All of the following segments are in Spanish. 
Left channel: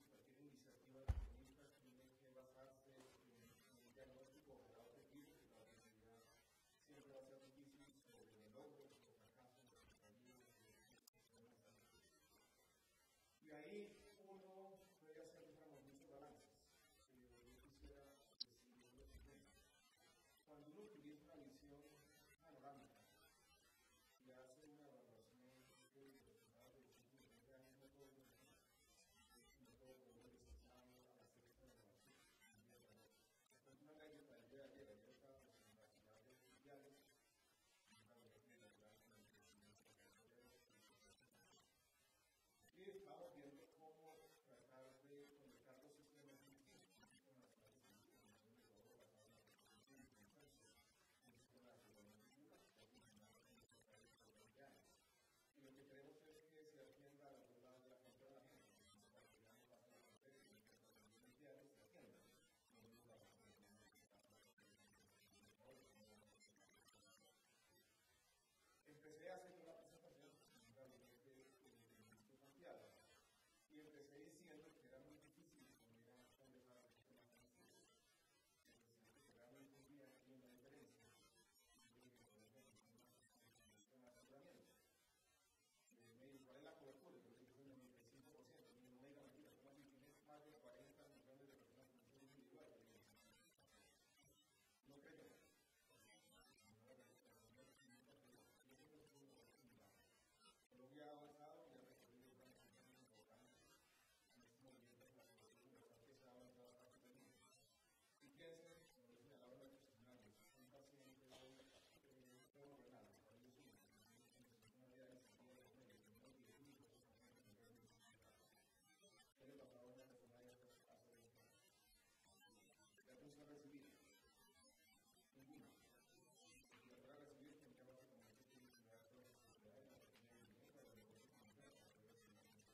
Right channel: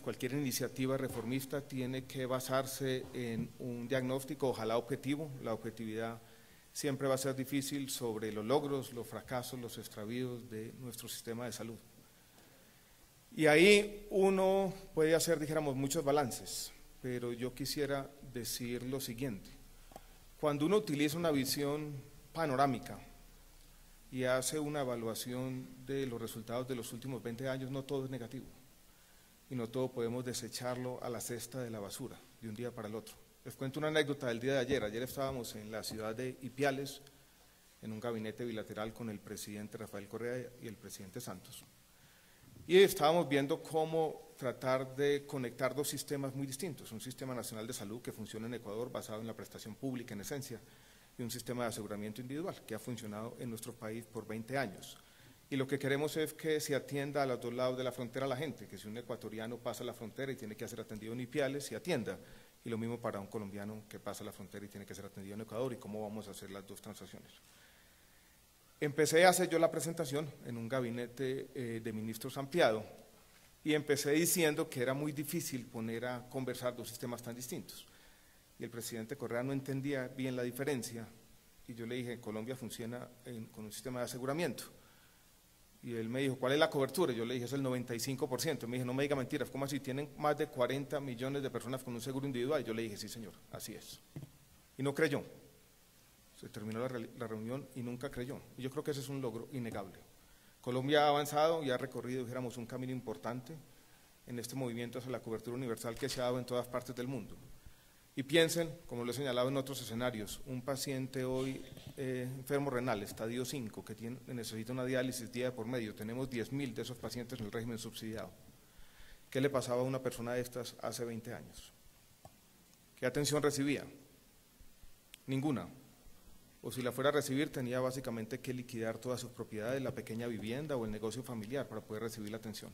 cualquier iniciativa reformista tiene que basarse en un diagnóstico, ojalá objetivo. La objetividad siempre va a ser difícil sobre los logros, los fracasos, los extravíos de nuestro sistema de salud. Y ahí uno puede hacer, dijéramos, muchos balances, pero yo quisiera decir lo siguiente. Cuando uno utiliza una visión panorámica y hace una evaluación de los resultados de los últimos 20 años, no todo es negativo. Y no todo podemos desecharlo a la cesta de la basura de un día para el otro. Les cuento una anécdota del día de ayer. Ayer estábamos en la ciudad de Ipiales, en un gabinete bilateral con el presidente Rafael Correa y el presidente Santos. Y estábamos viendo cómo tratar de conectar dos sistemas muy distintos. Un sistema nacional de salud que funciona en Ecuador basado en la prestación pública en esencia y un sistema de aseguramiento individual que ha funcionado en nuestro país por 20 años. Y lo que queremos es que se atienda a los dos lados de la frontera a la gente, que si un ecuatoriano pasa la frontera y tiene que ser atendido en Ipiales, se atienda. Y lo mismo para un colombiano que pasa la frontera y tiene que ser atendido en Ecuador, y cómo vamos a hacer las dos transacciones. Empecé a hacer yo la presentación en un gabinete de ministros ampliado, y empecé diciendo que era muy difícil poner a conversar dos sistemas tan distintos. Y el presidente Correa no entendía bien la diferencia, y yo le dije, Colombia funciona con un sistema de aseguramiento. Y él me dijo, ¿cuál es la cobertura? Yo le dije, es el 95%. Me dijo, no me diga mentiras, ¿cómo así? ¿Tienen más de 40 millones de personas con un seguro individual? Y yo le dije, sí señor, así es. Y no creyó. Se terminó la reunión y nunca creyó. Y yo creo que ese es un logro innegable. Colombia ha avanzado y ha recorrido, dijéramos, un camino importante en este movimiento hacia la cobertura universal que se ha dado en todas partes del mundo. Y piensen, como lo he señalado en otros escenarios, un paciente hoy enfermo renal, estadio 5, que necesita una diálisis día por medio, tenemos 10.000 de esos pacientes en el régimen subsidiado. ¿Qué le pasaba a una persona de estas hace 20 años? ¿Qué atención recibía? Ninguna. O si la fuera a recibir, tenía básicamente que liquidar todas sus propiedades, la pequeña vivienda o el negocio familiar para poder recibir la atención.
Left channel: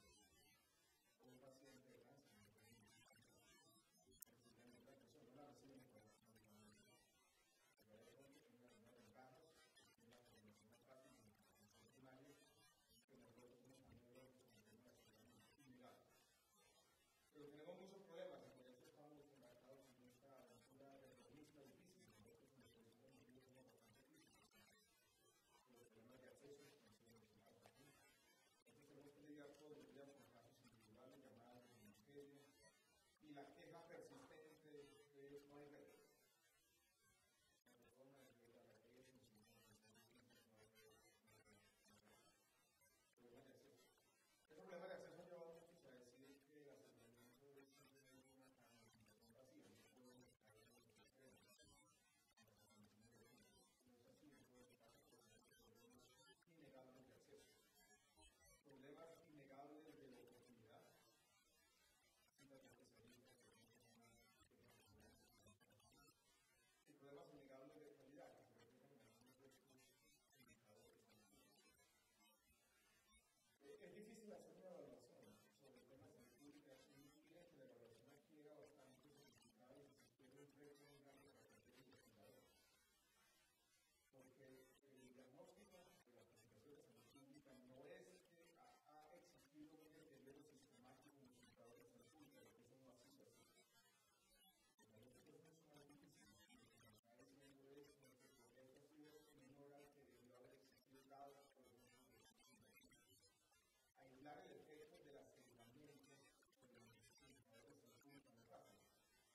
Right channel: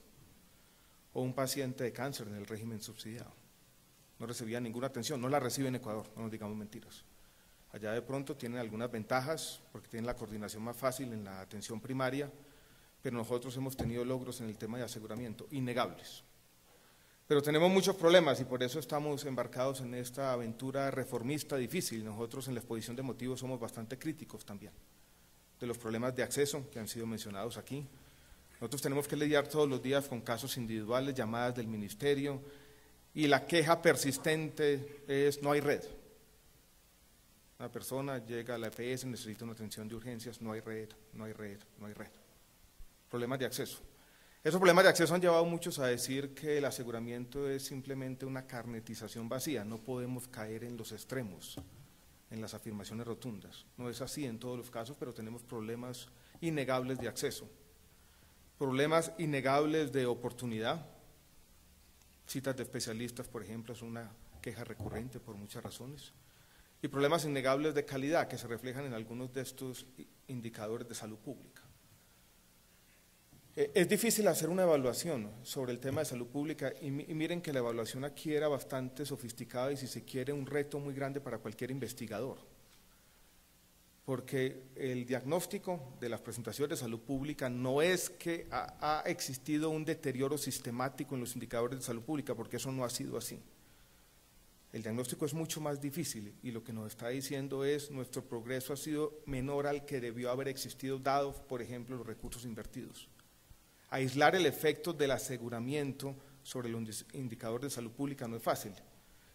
O un paciente de cáncer en el régimen subsidiado. No recibía ninguna atención, no la recibe en Ecuador, no nos digamos mentiras. Allá de pronto tienen algunas ventajas, porque tienen la coordinación más fácil en la atención primaria, pero nosotros hemos tenido logros en el tema de aseguramiento, innegables. Pero tenemos muchos problemas y por eso estamos embarcados en esta aventura reformista difícil. Nosotros en la exposición de motivos somos bastante críticos también, de los problemas de acceso que han sido mencionados aquí. Nosotros tenemos que lidiar todos los días con casos individuales, llamadas del ministerio, y la queja persistente es no hay red. Una persona llega a la EPS, necesita una atención de urgencias, no hay red, no hay red, no hay red. Problemas de acceso. Esos problemas de acceso han llevado a muchos a decir que el aseguramiento es simplemente una carnetización vacía, no podemos caer en los extremos, en las afirmaciones rotundas. No es así en todos los casos, pero tenemos problemas innegables de acceso, problemas innegables de oportunidad. Citas de especialistas, por ejemplo, es una queja recurrente por muchas razones. Y problemas innegables de calidad que se reflejan en algunos de estos indicadores de salud pública. Es difícil hacer una evaluación sobre el tema de salud pública y miren que la evaluación aquí era bastante sofisticada y si se quiere un reto muy grande para cualquier investigador. Porque el diagnóstico de las presentaciones de salud pública no es que ha existido un deterioro sistemático en los indicadores de salud pública, porque eso no ha sido así. El diagnóstico es mucho más difícil y lo que nos está diciendo es nuestro progreso ha sido menor al que debió haber existido, dado, por ejemplo, los recursos invertidos. Aislar el efecto del aseguramiento sobre los indicadores de salud pública no es fácil.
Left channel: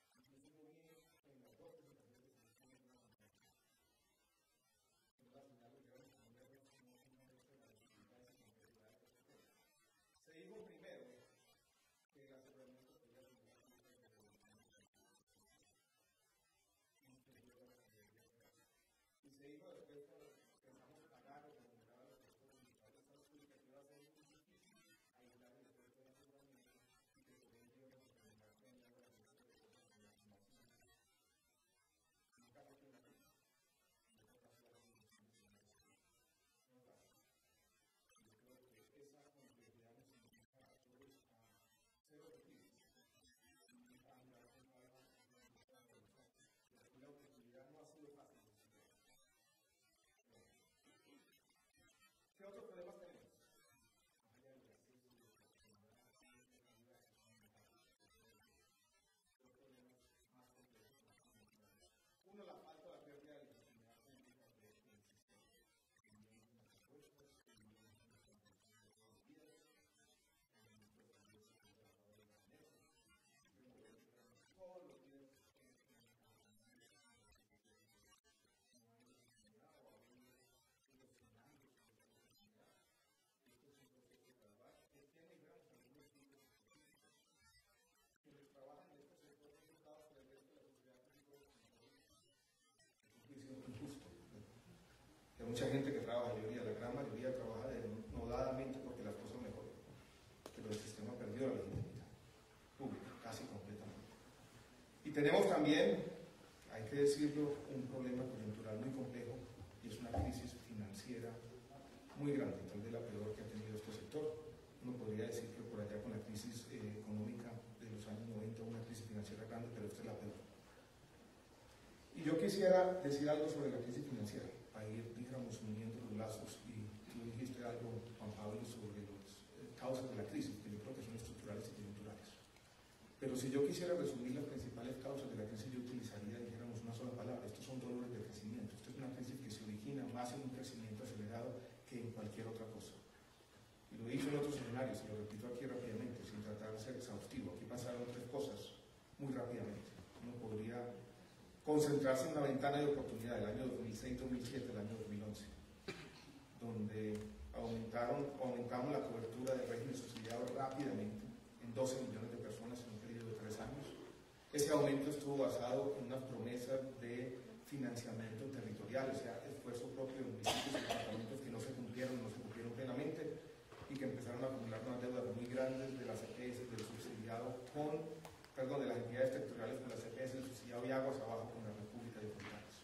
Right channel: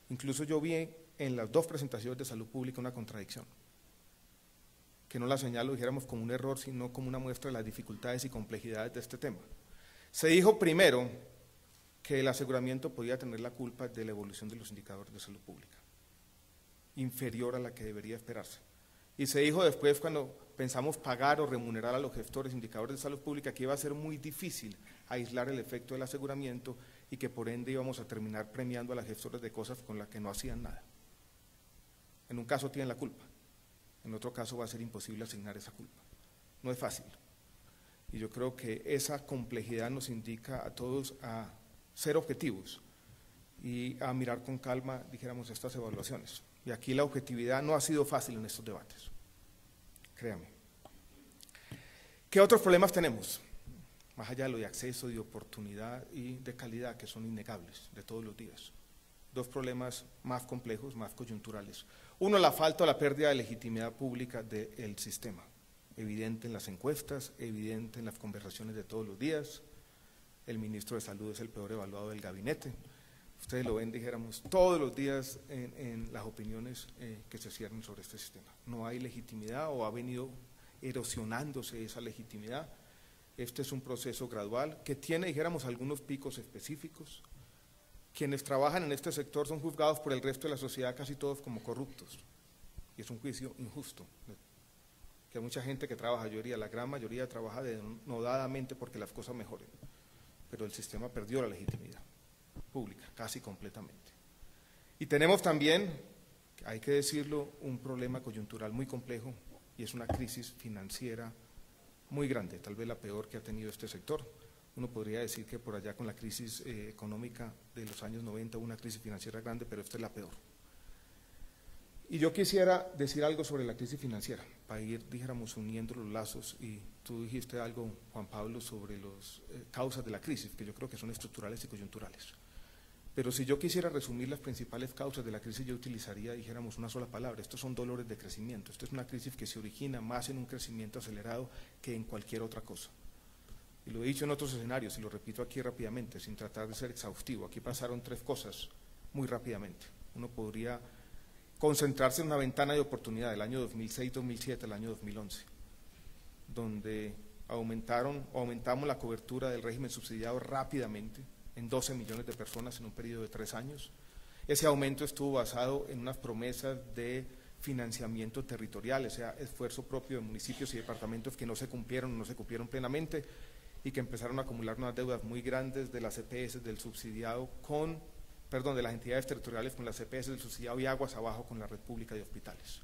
Incluso yo vi en las dos presentaciones de salud pública una contradicción, que no la señalo, dijéramos, como un error, sino como una muestra de las dificultades y complejidades de este tema. Se dijo primero que el aseguramiento podía tener la culpa de la evolución de los indicadores de salud pública, inferior a la que debería esperarse. Y se dijo después, cuando pensamos pagar o remunerar a los gestores de indicadores de salud pública, que iba a ser muy difícil aislar el efecto del aseguramiento y que por ende íbamos a terminar premiando a las gestoras de cosas con las que no hacían nada. En un caso tienen la culpa, en otro caso va a ser imposible asignar esa culpa. No es fácil. Y yo creo que esa complejidad nos indica a todos a ser objetivos y a mirar con calma, dijéramos, estas evaluaciones. Y aquí la objetividad no ha sido fácil en estos debates, créanme. ¿Qué otros problemas tenemos? más allá de lo de acceso, de oportunidad y de calidad, que son innegables de todos los días. Dos problemas más complejos, más coyunturales. Uno, la falta o la pérdida de legitimidad pública del sistema, evidente en las encuestas, evidente en las conversaciones de todos los días. El ministro de Salud es el peor evaluado del gabinete. Ustedes lo ven, dijéramos, todos los días en las opiniones que se ciernen sobre este sistema. No hay legitimidad o ha venido erosionándose esa legitimidad. Este es un proceso gradual que tiene, dijéramos, algunos picos específicos. Quienes trabajan en este sector son juzgados por el resto de la sociedad casi todos como corruptos. Y es un juicio injusto. Que hay mucha gente que trabaja, la gran mayoría trabaja denodadamente porque las cosas mejoren. Pero el sistema perdió la legitimidad pública, casi completamente. Y tenemos también, hay que decirlo, un problema coyuntural muy complejo y es una crisis financiera muy grande, tal vez la peor que ha tenido este sector. Uno podría decir que por allá con la crisis económica de los años 90 hubo una crisis financiera grande, pero esta es la peor. Y yo quisiera decir algo sobre la crisis financiera, para ir, dijéramos, uniendo los lazos, y tú dijiste algo, Juan Pablo, sobre las causas de la crisis, que yo creo que son estructurales y coyunturales. Pero si yo quisiera resumir las principales causas de la crisis, yo utilizaría, dijéramos, una sola palabra. Estos son dolores de crecimiento. Esto es una crisis que se origina más en un crecimiento acelerado que en cualquier otra cosa. Y lo he dicho en otros escenarios y lo repito aquí rápidamente, sin tratar de ser exhaustivo. Aquí pasaron tres cosas muy rápidamente. Uno podría concentrarse en una ventana de oportunidad del año 2006-2007 al año 2011, donde aumentamos la cobertura del régimen subsidiado rápidamente, en 12 millones de personas en un periodo de 3 años. Ese aumento estuvo basado en unas promesas de financiamiento territorial, o sea, esfuerzo propio de municipios y departamentos que no se cumplieron plenamente y que empezaron a acumular unas deudas muy grandes de las EPS del subsidiado de las entidades territoriales con las EPS del subsidiado y aguas abajo con la red pública de hospitales.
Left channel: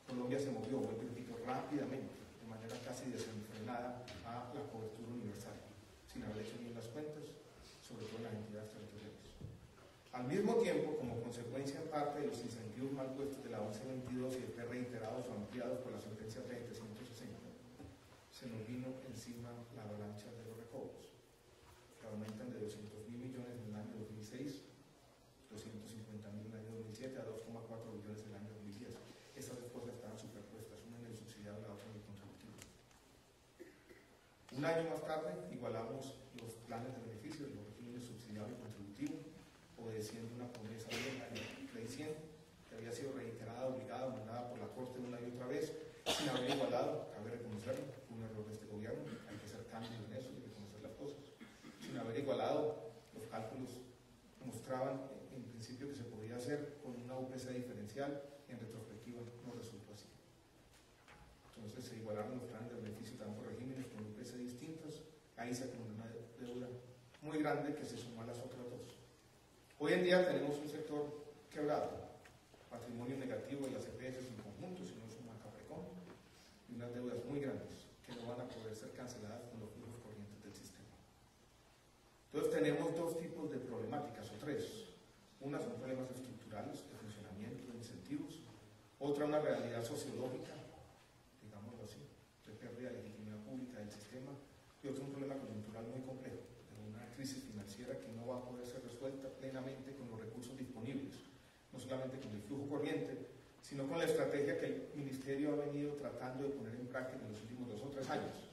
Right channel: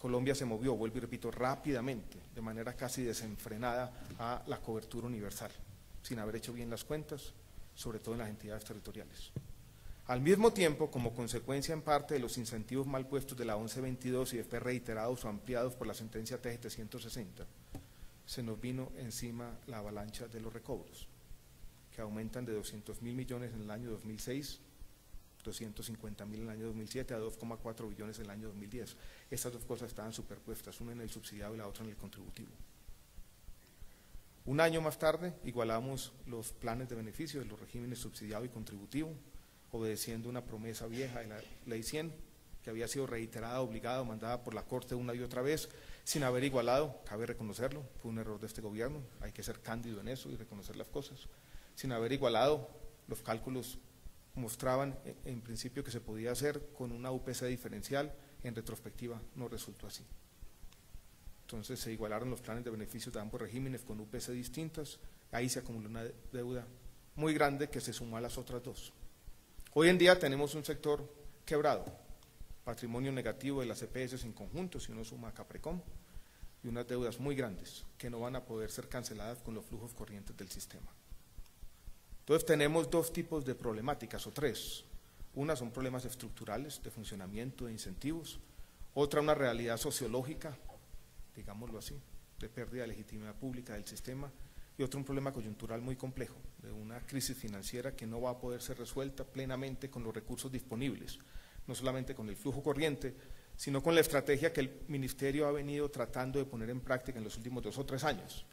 Colombia se movió, vuelvo y repito, rápidamente, de manera casi desenfrenada a la cobertura universal, sin haber hecho bien las cuentas, sobre todo en las entidades territoriales. Al mismo tiempo, como consecuencia en parte de los incentivos mal puestos de la 1122 y después reiterados o ampliados por la sentencia TGT 160, se nos vino encima la avalancha de los recobros, que aumentan de 200.000 millones en el año 2006, 250.000 en el año 2007 a 2,4 billones en el año 2010. Estas dos cosas estaban superpuestas, una en el subsidiado y la otra en el contributivo. Un año más tarde igualamos los planes de beneficios de los regímenes subsidiado y contributivo, obedeciendo una promesa vieja de la Ley 100, que había sido reiterada, obligada, mandada por la Corte una y otra vez, sin haber igualado, cabe reconocerlo, fue un error de este gobierno, hay que ser cándido en eso y reconocer las cosas, sin haber igualado, los cálculos mostraban en principio que se podía hacer con una UPC diferencial, en retrospectiva no resultó así. Entonces se igualaron los planes de beneficios de ambos regímenes con UPC distintas, ahí se acumuló una deuda muy grande que se sumó a las otras dos. Hoy en día tenemos un sector quebrado, patrimonio negativo de las EPS en conjunto, si uno suma a Caprecom, y unas deudas muy grandes que no van a poder ser canceladas con los flujos corrientes del sistema. Entonces tenemos dos tipos de problemáticas, o tres. Una son problemas estructurales de funcionamiento, de incentivos. Otra, una realidad sociológica, digámoslo así, de pérdida de legitimidad pública del sistema. Y otro, un problema coyuntural muy complejo, de una crisis financiera que no va a poder ser resuelta plenamente con los recursos disponibles, no solamente con el flujo corriente, sino con la estrategia que el Ministerio ha venido tratando de poner en práctica en los últimos 2 o 3 años,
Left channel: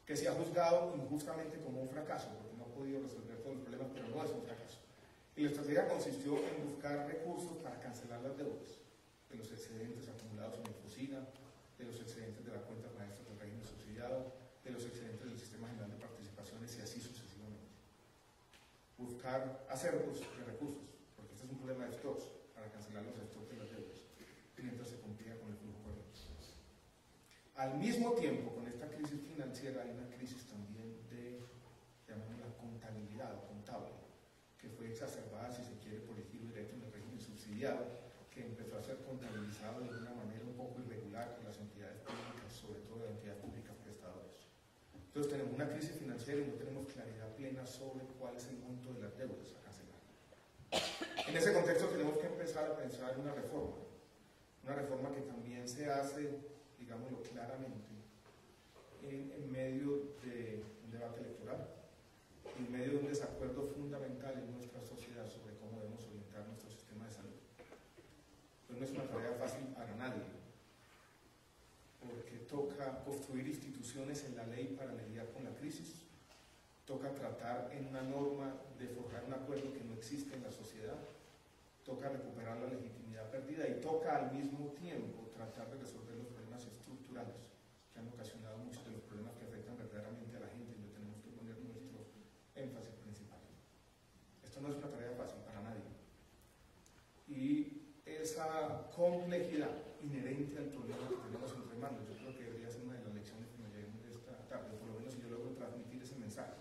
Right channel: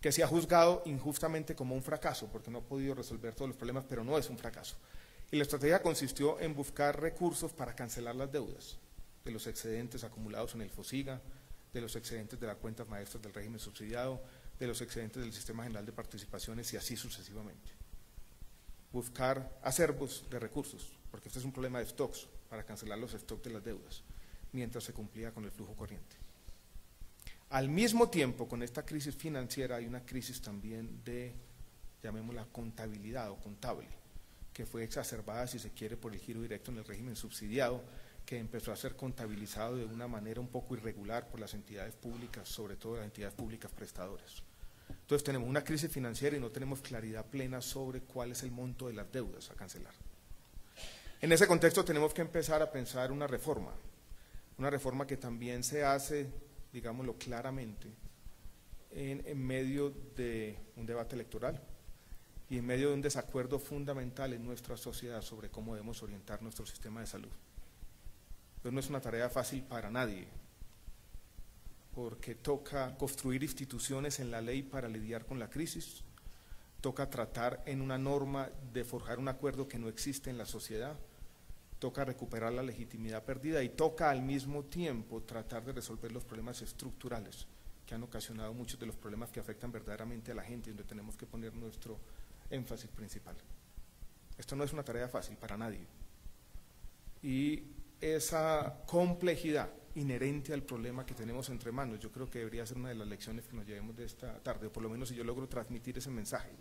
que se ha juzgado injustamente como un fracaso, porque no ha podido resolver todos los problemas, pero no es un fracaso. Y la estrategia consistió en buscar recursos para cancelar las deudas de los excedentes acumulados en el FOSIGA, de los excedentes de las cuentas maestras del régimen subsidiado, de los excedentes del Sistema General de Participaciones y así sucesivamente. Buscar acervos de recursos, porque este es un problema de stocks, para cancelar los stocks de las deudas, mientras se cumplía con el flujo corriente. Al mismo tiempo, con esta crisis financiera hay una crisis también de, llamémosla contabilidad o contable, que fue exacerbada, si se quiere, por el giro directo en el régimen subsidiado, que empezó a ser contabilizado de una manera un poco irregular por las entidades públicas, sobre todo las entidades públicas prestadoras. Entonces tenemos una crisis financiera y no tenemos claridad plena sobre cuál es el monto de las deudas a cancelar. En ese contexto tenemos que empezar a pensar una reforma que también se hace, digámoslo claramente, en medio de un debate electoral y en medio de un desacuerdo fundamental en nuestra sociedad sobre cómo debemos orientar nuestro sistema de salud. Entonces no es una tarea fácil para nadie, porque toca construir instituciones en la ley para lidiar con la crisis, toca tratar en una norma de forjar un acuerdo que no existe en la sociedad, toca recuperar la legitimidad perdida y toca al mismo tiempo tratar de resolver los problemas estructurales que han ocasionado muchos de los problemas que afectan verdaderamente a la gente y donde tenemos que poner nuestro énfasis principal. Esto no es una tarea fácil para nadie. Y esa complejidad inherente al problema que tenemos entre manos, yo creo que debería ser una de las lecciones que nos llevemos de esta tarde, o por lo menos si yo logro transmitir ese mensaje,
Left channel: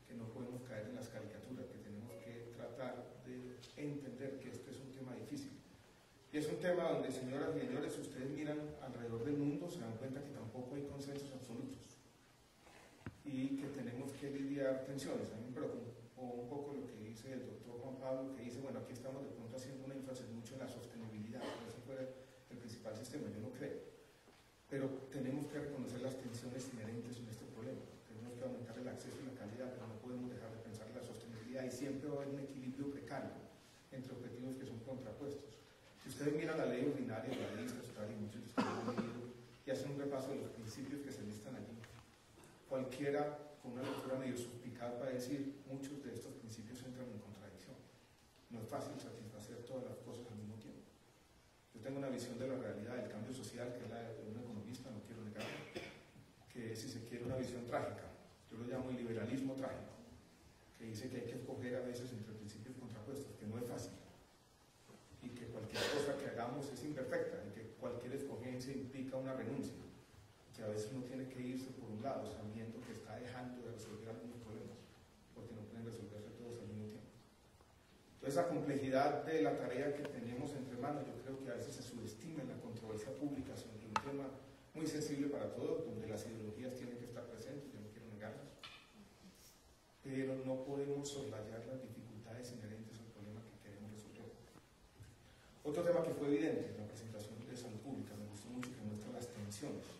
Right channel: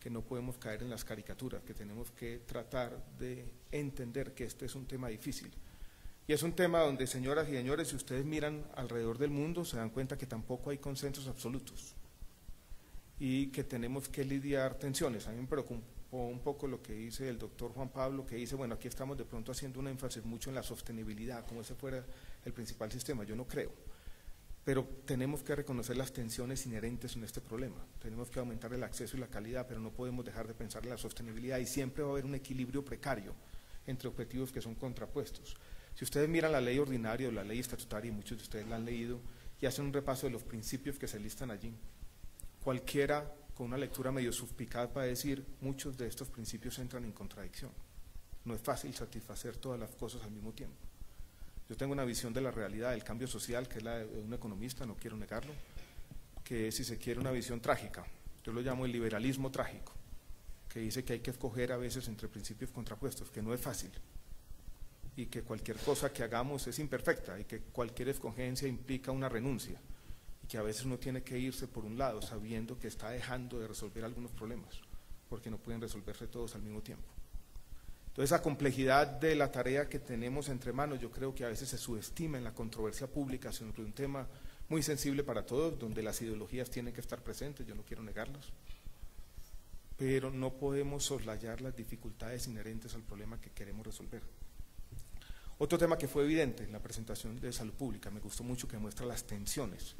que no podemos caer en las caricaturas, que tenemos que tratar de entender que este es un tema difícil. Y es un tema donde, señoras y señores, si ustedes miran alrededor del mundo, se dan cuenta que tampoco hay consensos absolutos y que tenemos que lidiar tensiones. A mí me preocupó un poco lo que dice el doctor Juan Pablo, que dice, bueno, aquí estamos de pronto haciendo un énfasis mucho en la sostenibilidad, como si fuera el principal sistema. Yo no creo, pero tenemos que reconocer las tensiones inherentes en este problema. Tenemos que aumentar el acceso y la calidad, pero no podemos dejar de pensar en la sostenibilidad y siempre va a haber un equilibrio precario entre objetivos que son contrapuestos. Si ustedes miran la ley ordinaria o la ley estatutaria, y muchos de ustedes la han leído, y hacen un repaso de los principios que se listan allí, cualquiera con una lectura medio suspicaz va a decir, muchos de estos principios entran en contradicción. No es fácil satisfacer todas las cosas al mismo tiempo. Yo tengo una visión de la realidad del cambio social, que es la de un economista, no quiero negarlo, que es, si se quiere, una visión trágica. Yo lo llamo el liberalismo trágico, que dice que hay que escoger a veces entre principios contrapuestos, que no es fácil, y que cualquier cosa que hagamos es imperfecta, y que cualquier escogencia implica una renuncia, y que a veces uno tiene que irse por un lado sabiendo que está dejando de resolver algunos problemas, porque no pueden resolverse todos al mismo tiempo. Entonces, esa complejidad de la tarea que tenemos entre manos, yo creo que a veces se subestima en la controversia pública sobre un tema muy sensible para todos, donde las ideologías tienen que estar presentes, yo no quiero negarlas, pero no podemos soslayar las dificultades inherentes al problema que queremos resolver. Otro tema que fue evidente en la presentación de salud pública, me gustó mucho, que muestra las tensiones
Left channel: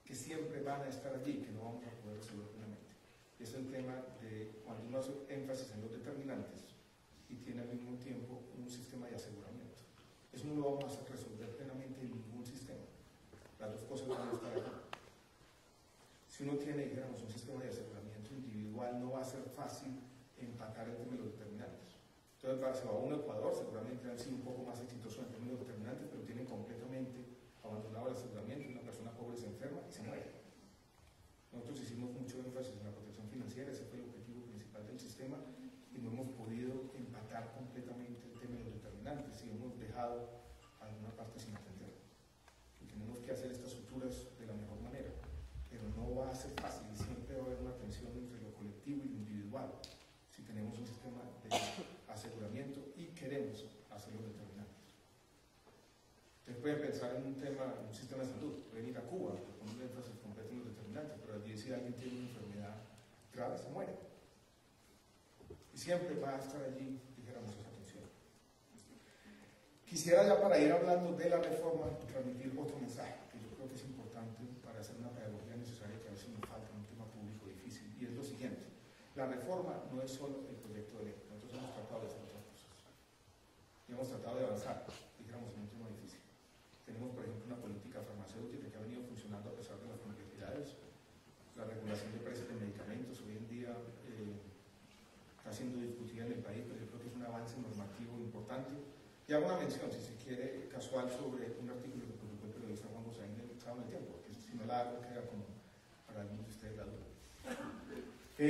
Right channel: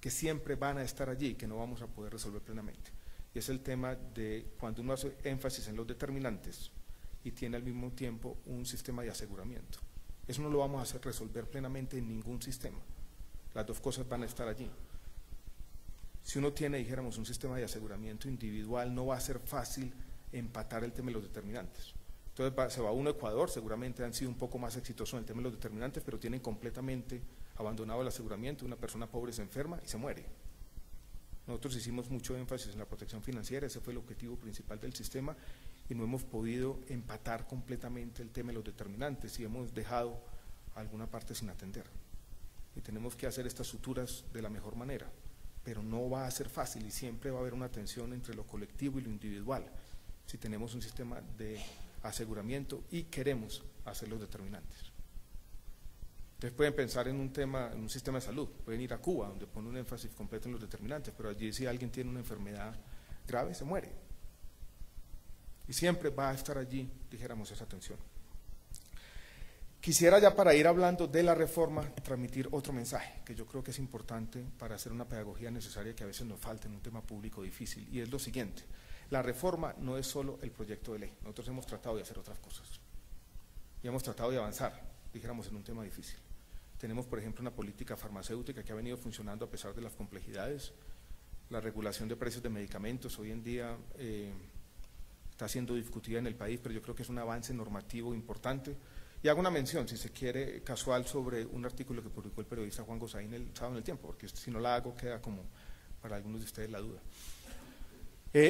que siempre van a estar allí y que no vamos a poder resolver plenamente, y es el tema de cuando uno hace énfasis en los determinantes y tiene al mismo tiempo un sistema de aseguramiento. Eso no lo vamos a hacer resolver plenamente en ningún sistema. Las dos cosas van a estar allí. Si uno tiene, dijéramos, un sistema de aseguramiento individual, no va a ser fácil empatar el tema de los determinantes. Entonces se va uno a Ecuador, seguramente han sido un poco más exitosos en el tema de los determinantes, pero tienen completamente abandonado el aseguramiento. Una persona pobre se enferma y se muere. Nosotros hicimos mucho énfasis en la protección financiera, ese fue el objetivo principal del sistema, y no hemos podido empatar completamente el tema de los determinantes y hemos dejado alguna parte sin atender. Y tenemos que hacer estas suturas de la mejor manera, pero no va a ser fácil y siempre va a haber una tensión entre lo colectivo y lo individual si tenemos un sistema de aseguramiento y queremos hacer los determinantes. Ustedes pueden pensar en un sistema de salud, pueden ir a Cuba, donde pone un énfasis completo en los determinantes, pero allí si alguien tiene una enfermedad grave, se muere. Y siempre va a estar allí, dijéramos, esa tensión. Quisiera ya, para ir hablando de la reforma, transmitir otro mensaje que yo creo que es importante para hacer una pedagogía necesaria que a veces nos falta en un tema público difícil, y es lo siguiente: la reforma no es solo el proyecto de ley. Nosotros hemos tratado de hacer otras cosas y hemos tratado de avanzar, dijéramos, en un tema difícil. Tenemos, por ejemplo, una política farmacéutica que ha venido funcionando a pesar de las complejidades. La regulación de precios de medicamentos hoy en día está siendo discutida en el país, pero yo creo que es un avance normativo importante. Y hago una mención, si se quiere, casual, sobre un artículo que publicó el periodista Juan Gosaín el sábado en El Tiempo, porque si no la hago queda como para algunos de ustedes la duda.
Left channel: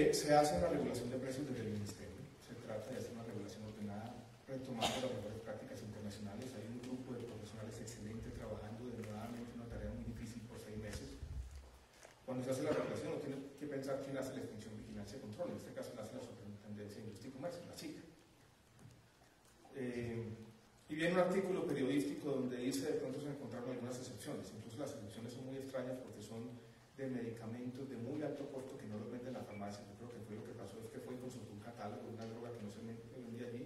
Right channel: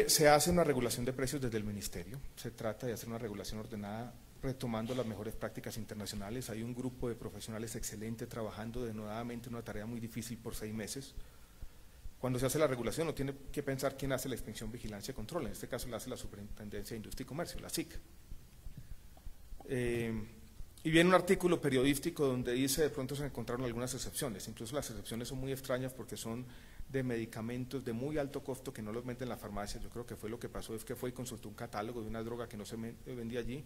Se hace una regulación de precios desde el Ministerio, se trata de hacer una regulación ordenada, retomando las mejores prácticas internacionales. Hay un grupo de profesionales excelente trabajando denodadamente una tarea muy difícil por 6 meses. Cuando se hace la regulación, no tiene que pensar quién hace la inspección, vigilancia y control. En este caso la hace la Superintendencia de Industria y Comercio, la SIC. Y viene un artículo periodístico donde dice, de pronto se encontraron algunas excepciones. Incluso las excepciones son muy extrañas porque son de medicamentos de muy alto costo que no los venden en la farmacia. Yo creo que fue lo que pasó, es que fue y consultó un catálogo de una droga que no se vendía allí.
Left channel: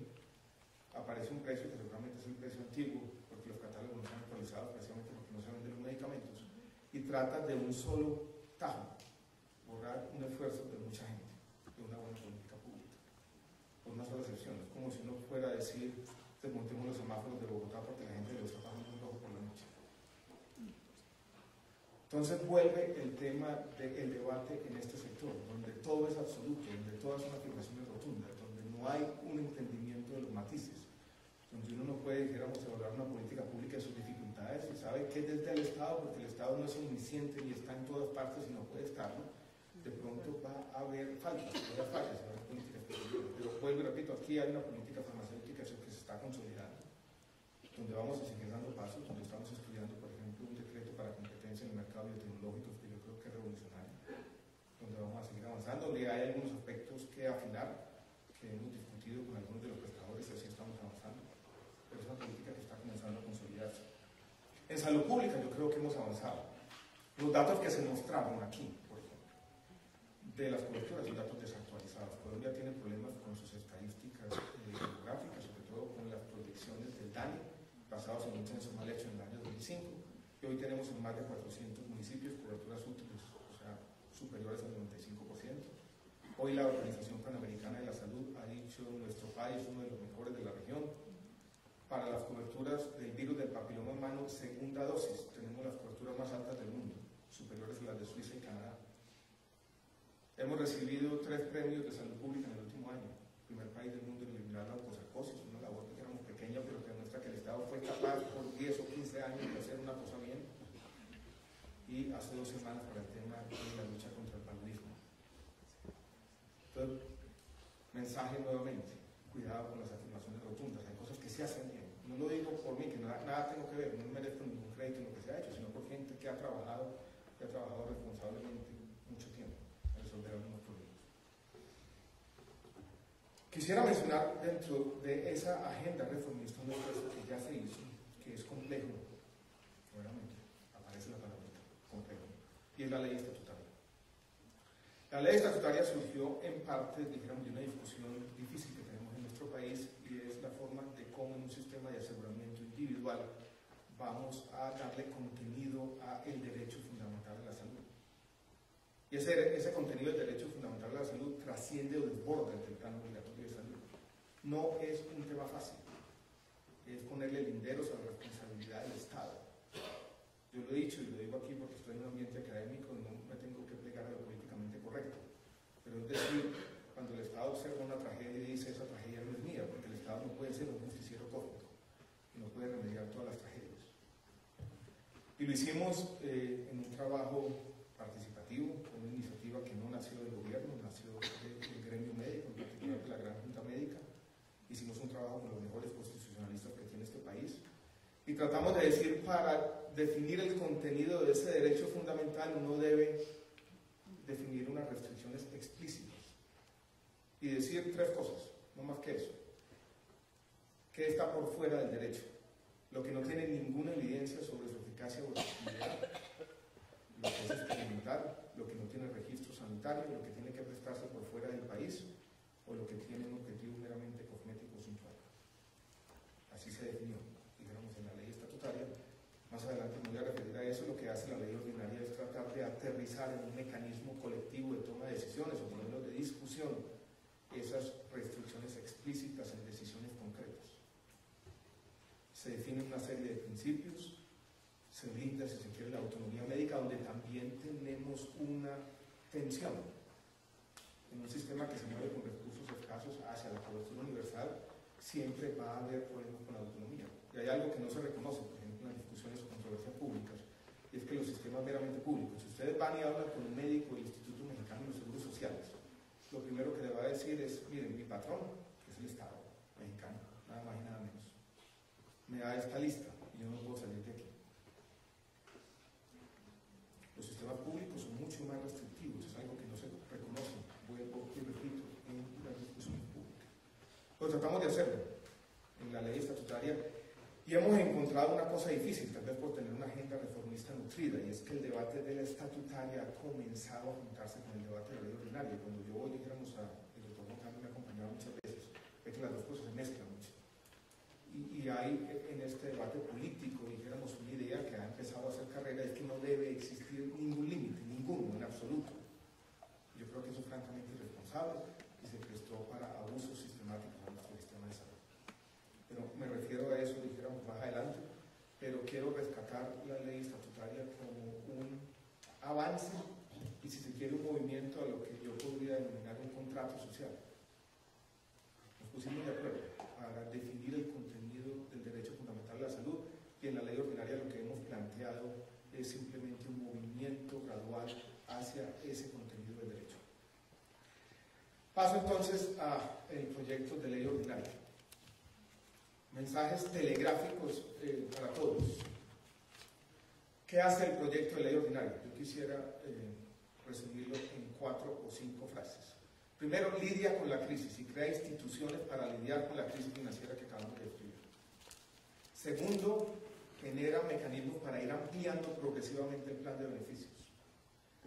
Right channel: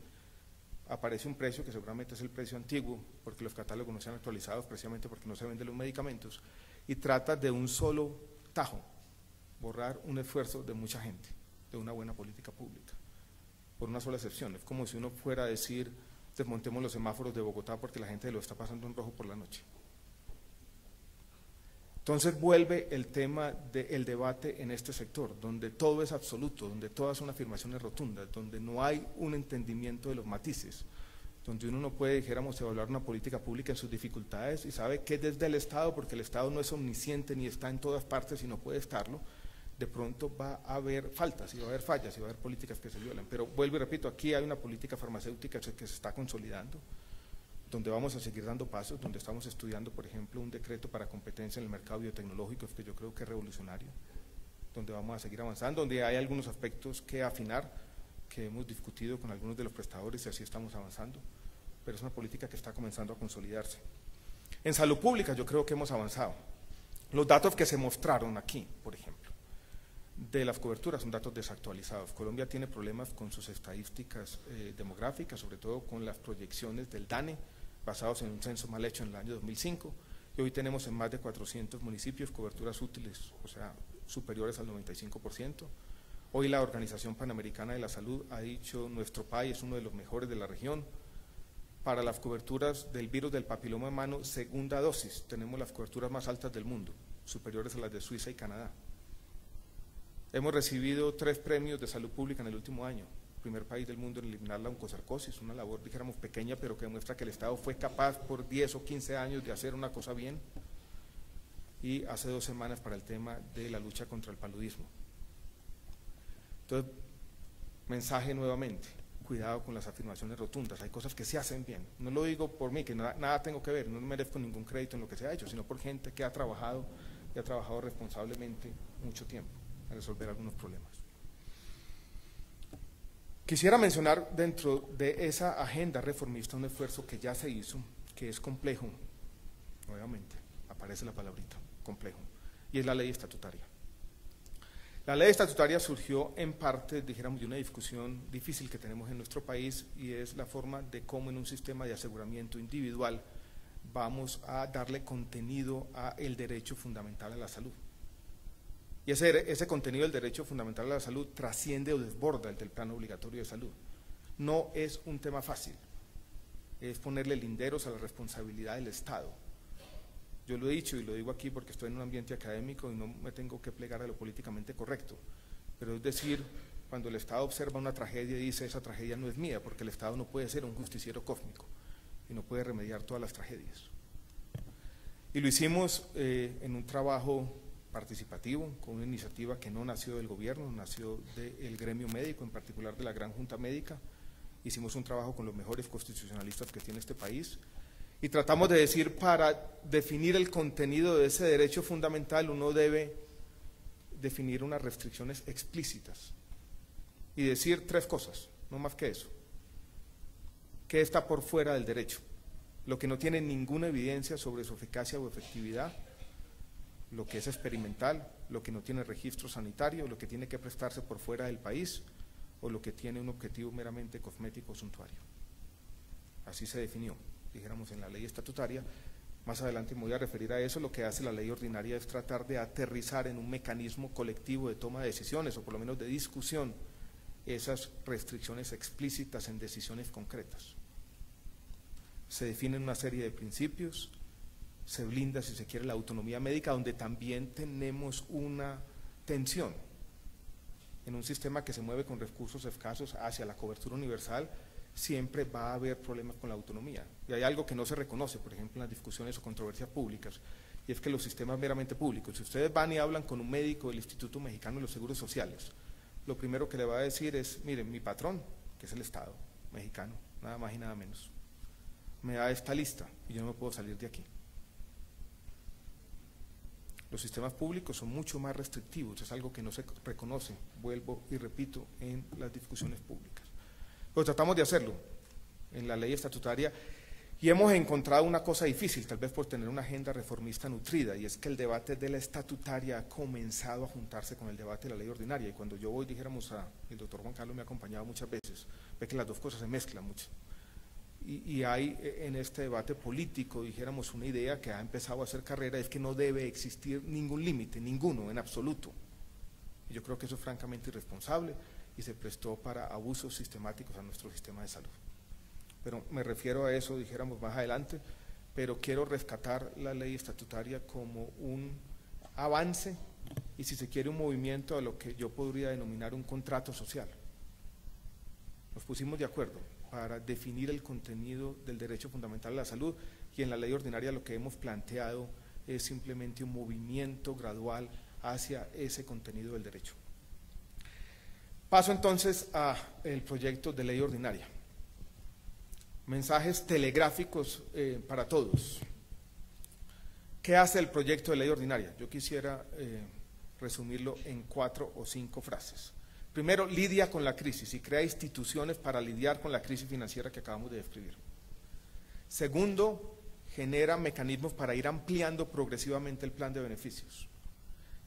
Aparece un precio que seguramente es el precio antiguo, porque los catálogos no se han actualizado precisamente porque no se venden los medicamentos. Y trata de un solo tajo borrar un esfuerzo de mucha gente, de una buena política pública, por una sola excepción. Es como si uno fuera a decir, desmontemos los semáforos de Bogotá porque la gente lo está pasando en rojo por la noche. Entonces vuelve el tema del debate en este sector, donde todo es absoluto, donde todas son afirmaciones rotundas, donde no hay un entendimiento de los matices, donde uno no puede, dijéramos, evaluar una política pública y sus dificultades y sabe que desde el Estado, porque el Estado no es omnisciente ni está en todas partes y no puede estarlo, de pronto va a haber faltas, y va a haber fallas, y va a haber políticas que se violan. Pero vuelvo y repito, aquí hay una política farmacéutica que se está consolidando, donde vamos a seguir dando pasos, donde estamos estudiando, por ejemplo, un decreto para competencia en el mercado biotecnológico, que yo creo que es revolucionario, donde vamos a seguir avanzando, donde hay algunos aspectos que afinar, que hemos discutido con algunos de los prestadores y así estamos avanzando, pero es una política que está comenzando a consolidarse. En salud pública yo creo que hemos avanzado. Los datos que se mostraron aquí, por ejemplo, de las coberturas son datos desactualizados. Colombia tiene problemas con sus estadísticas demográficas, sobre todo con las proyecciones del DANE, basados en un censo mal hecho en el año 2005, y hoy tenemos en más de 400 municipios coberturas útiles, o sea, superiores al 95%. Hoy la Organización Panamericana de la Salud ha dicho nuestro país es uno de los mejores de la región. Para las coberturas del virus del papiloma humano, segunda dosis, tenemos las coberturas más altas del mundo, superiores a las de Suiza y Canadá. Hemos recibido 3 premios de salud pública en el último año. Primer país del mundo en eliminar la oncocercosis, una labor, dijéramos, pequeña, pero que demuestra que el Estado fue capaz por 10 o 15 años de hacer una cosa bien. Y hace 2 semanas para el tema de la lucha contra el paludismo. Entonces, mensaje nuevamente, cuidado con las afirmaciones rotundas, hay cosas que se hacen bien. No lo digo por mí, que nada tengo que ver, no merezco ningún crédito en lo que se ha hecho, sino por gente que ha trabajado y ha trabajado responsablemente mucho tiempo a resolver algunos problemas. Quisiera mencionar dentro de esa agenda reformista un esfuerzo que ya se hizo, que es complejo, nuevamente, aparece la palabrita, complejo, y es la ley estatutaria. La ley estatutaria surgió en parte, dijéramos, de una discusión difícil que tenemos en nuestro país y es la forma de cómo en un sistema de aseguramiento individual vamos a darle contenido al derecho fundamental a la salud. Y ese contenido del derecho fundamental a la salud trasciende o desborda el del plan obligatorio de salud. No es un tema fácil, es ponerle linderos a la responsabilidad del Estado. Yo lo he dicho y lo digo aquí porque estoy en un ambiente académico y no me tengo que plegar a lo políticamente correcto. Pero es decir, cuando el Estado observa una tragedia y dice esa tragedia no es mía, porque el Estado no puede ser un justiciero cósmico y no puede remediar todas las tragedias. Y lo hicimos en un trabajo participativo, con una iniciativa que no nació del gobierno, nació del gremio médico, en particular de la Gran Junta Médica. Hicimos un trabajo con los mejores constitucionalistas que tiene este país y tratamos de decir, para definir el contenido de ese derecho fundamental uno debe definir unas restricciones explícitas y decir 3 cosas, no más que eso. ¿Qué está por fuera del derecho? Lo que no tiene ninguna evidencia sobre su eficacia o efectividad, lo que es experimental, lo que no tiene registro sanitario, lo que tiene que prestarse por fuera del país o lo que tiene un objetivo meramente cosmético o suntuario. Así se definió, dijéramos, en la ley estatutaria. Más adelante me voy a referir a eso. Lo que hace la ley ordinaria es tratar de aterrizar en un mecanismo colectivo de toma de decisiones o por lo menos de discusión esas restricciones explícitas en decisiones concretas. Se definen una serie de principios, se blinda, si se quiere, la autonomía médica, donde también tenemos una tensión en un sistema que se mueve con recursos escasos hacia la cobertura universal. Siempre va a haber problemas con la autonomía y hay algo que no se reconoce, por ejemplo, en las discusiones o controversias públicas, y es que los sistemas meramente públicos, si ustedes van y hablan con un médico del Instituto Mexicano de los Seguros Sociales, lo primero que le va a decir es, miren, mi patrón, que es el Estado mexicano, nada más y nada menos, me da esta lista y yo no puedo salir de aquí. Los sistemas públicos son mucho más restrictivos, es algo que no se reconoce, vuelvo y repito, en las discusiones públicas. Pero tratamos de hacerlo en la ley estatutaria y hemos encontrado una cosa difícil, tal vez por tener una agenda reformista nutrida, y es que el debate de la estatutaria ha comenzado a juntarse con el debate de la ley ordinaria. Y cuando yo voy, dijéramos, el doctor Juan Carlos me ha acompañado muchas veces, ve que las dos cosas se mezclan mucho. Y hay en este debate político, dijéramos, una idea que ha empezado a hacer carrera, es que no debe existir ningún límite, ninguno en absoluto. Yo creo que eso es francamente irresponsable y se prestó para abusos sistemáticos a nuestro sistema de salud. Pero me refiero a eso, dijéramos, más adelante, pero quiero rescatar la ley estatutaria como un avance y, si se quiere, un movimiento a lo que yo podría denominar un contrato social. Nos pusimos de acuerdo para definir el contenido del derecho fundamental a la salud, y en la ley ordinaria lo que hemos planteado es simplemente un movimiento gradual hacia ese contenido del derecho. Paso entonces al proyecto de ley ordinaria. Mensajes telegráficos para todos. ¿Qué hace el proyecto de ley ordinaria? Yo quisiera resumirlo en 4 o 5 frases. Primero, lidia con la crisis y crea instituciones para lidiar con la crisis financiera que acabamos de describir. Segundo, genera mecanismos para ir ampliando progresivamente el plan de beneficios.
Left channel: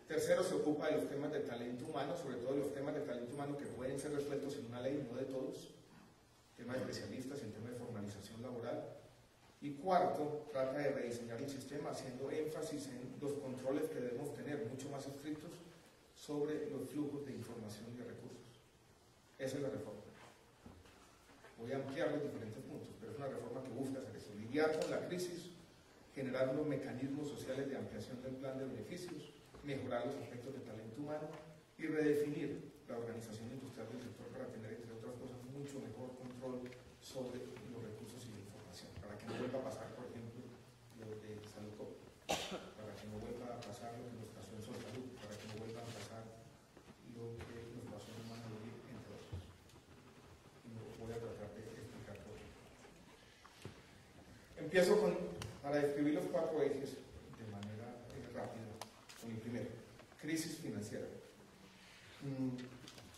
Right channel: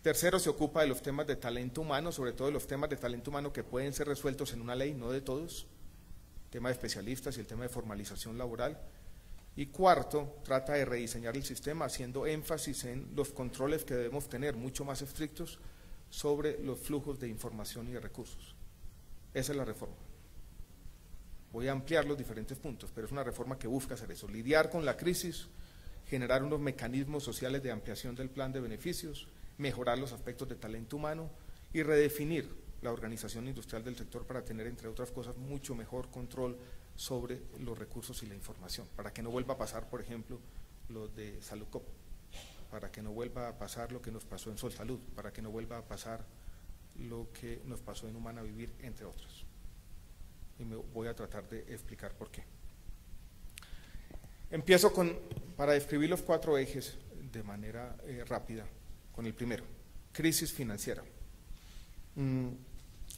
Tercero, se ocupa de los temas de talento humano, sobre todo de los temas de talento humano que pueden ser resueltos en una ley, no de todos, el tema de especialistas y el tema de formalización laboral. Y cuarto, trata de rediseñar el sistema haciendo énfasis en los controles que debemos tener mucho más estrictos sobre los flujos de información y de recursos. Esa es la reforma. Voy a ampliar los diferentes puntos, pero es una reforma que busca hacer eso: lidiar con la crisis, generar unos mecanismos sociales de ampliación del plan de beneficios, mejorar los aspectos de talento humano y redefinir la organización industrial del sector para tener, entre otras cosas, mucho mejor control sobre los recursos y la información, para que no vuelva a pasar, por ejemplo, lo de Saludcop, para que no vuelva a pasar lo que nos pasó en Solsalud, para que no vuelva a pasar lo que nos pasó en Humana Vivir, entre otros. Y me voy a tratar de explicar por qué. Empiezo para describir los 4 ejes de manera rápida, con el primero: crisis financiera.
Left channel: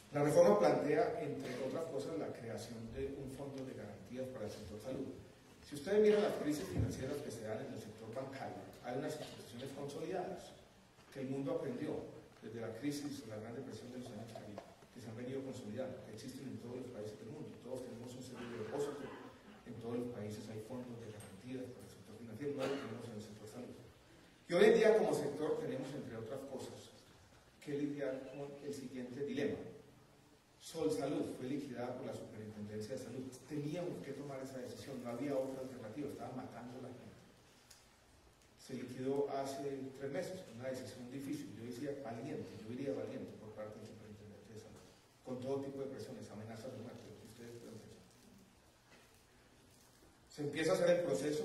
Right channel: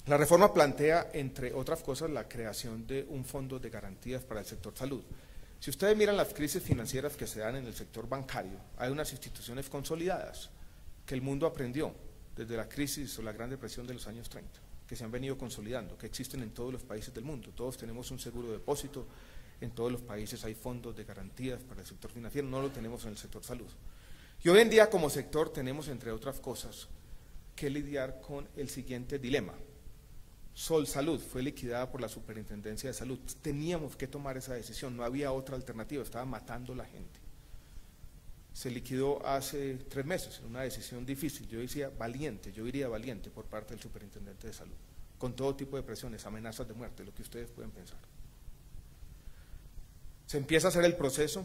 La reforma plantea, entre otras cosas, la creación de un fondo de garantías para el sector salud. Si ustedes miran las crisis financieras que se dan en el sector bancario, hay unas instituciones consolidadas que el mundo aprendió desde la crisis o la Gran Depresión de los años 30, que se han venido consolidando, que existen en todos los países del mundo. Todos tenemos un seguro de depósito, en todos los países hay fondos de garantías para el sector financiero, no lo tenemos en el sector salud. Y hoy en día, como sector, tenemos, entre otras cosas, que lidiar con el siguiente dilema. Solsalud fue liquidada por la Superintendencia de Salud. Teníamos que tomar esa decisión, no había otra alternativa, estaba matando a la gente. Se liquidó hace 3 meses, una decisión difícil, yo diría valiente por parte del Superintendente de Salud, con todo tipo de presiones, amenazas de muerte, lo que ustedes pueden pensar. Se empieza a hacer el proceso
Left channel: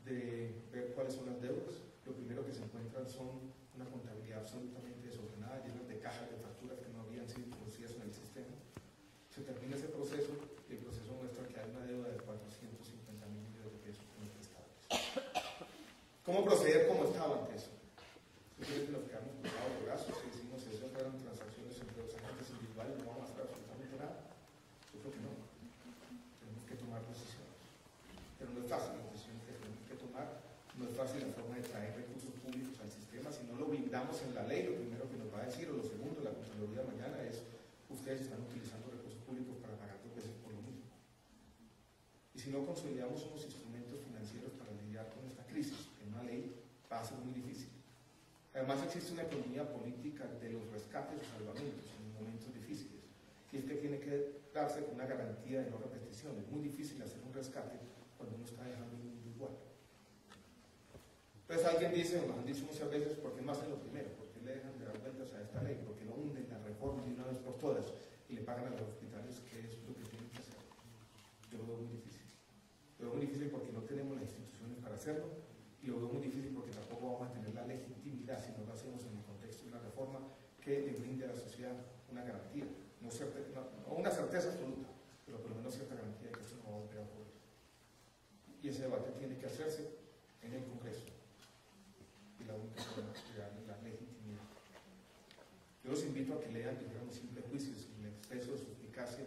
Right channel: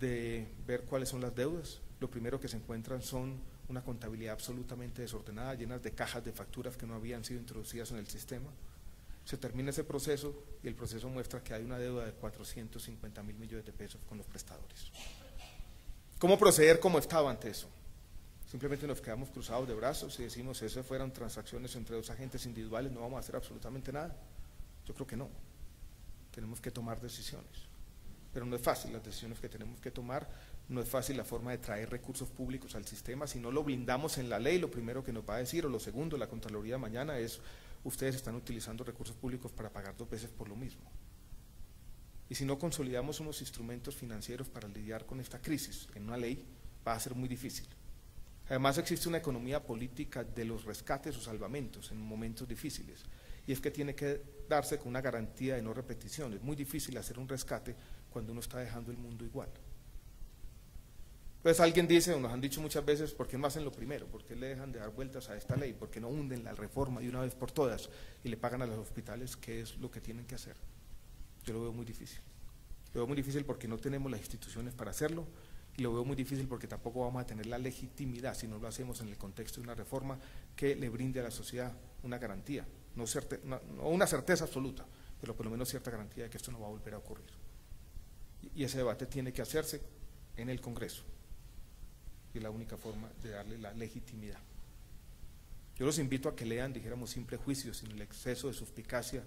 de ver cuáles son las deudas. Lo primero que se encuentran son una contabilidad absolutamente desordenada, llenas de cajas de facturas que no habían sido introducidas en el sistema. Se termina ese proceso y el proceso muestra que hay una deuda de 450.000 millones de pesos con los prestadores. ¿Cómo proceder como Estado ante eso? Simplemente nos quedamos cruzados de brazos y decimos, si esas fueran transacciones entre 2 agentes individuales, no vamos a hacer absolutamente nada. Yo creo que no. Tenemos que tomar decisiones. Pero no es fácil las decisiones que tenemos que tomar. No es fácil la forma de traer recursos públicos al sistema. Si no lo blindamos en la ley, lo primero que nos va a decir, o lo segundo, la Contraloría mañana, es: ustedes están utilizando recursos públicos para pagar 2 veces por lo mismo. Y si no consolidamos unos instrumentos financieros para lidiar con esta crisis en una ley, va a ser muy difícil. Además, existe una economía política de los rescates o salvamentos en momentos difíciles, y es que tiene que darse con una garantía de no repetición. Es muy difícil hacer un rescate cuando uno está dejando el mundo igual. Pues alguien dice, o nos han dicho muchas veces, ¿por qué no hacen lo primero? ¿Por qué le dejan de dar vueltas a esta ley? ¿Por qué no hunden la reforma de una vez por todas y le pagan a los hospitales qué es lo que tienen que hacer? Yo lo veo muy difícil. Lo veo muy difícil porque no tenemos las instituciones para hacerlo, y lo veo muy difícil porque tampoco vamos a tener la legitimidad si no lo hacemos en el contexto de una reforma que le brinde a la sociedad una garantía, no una certeza absoluta, pero por lo menos cierta garantía de que esto no va a volver a ocurrir. Y ese debate tiene que hacerse en el Congreso. Y la única forma de darle la legitimidad. Yo los invito a que lean, dijéramos, sin prejuicios, sin el exceso de suspicacia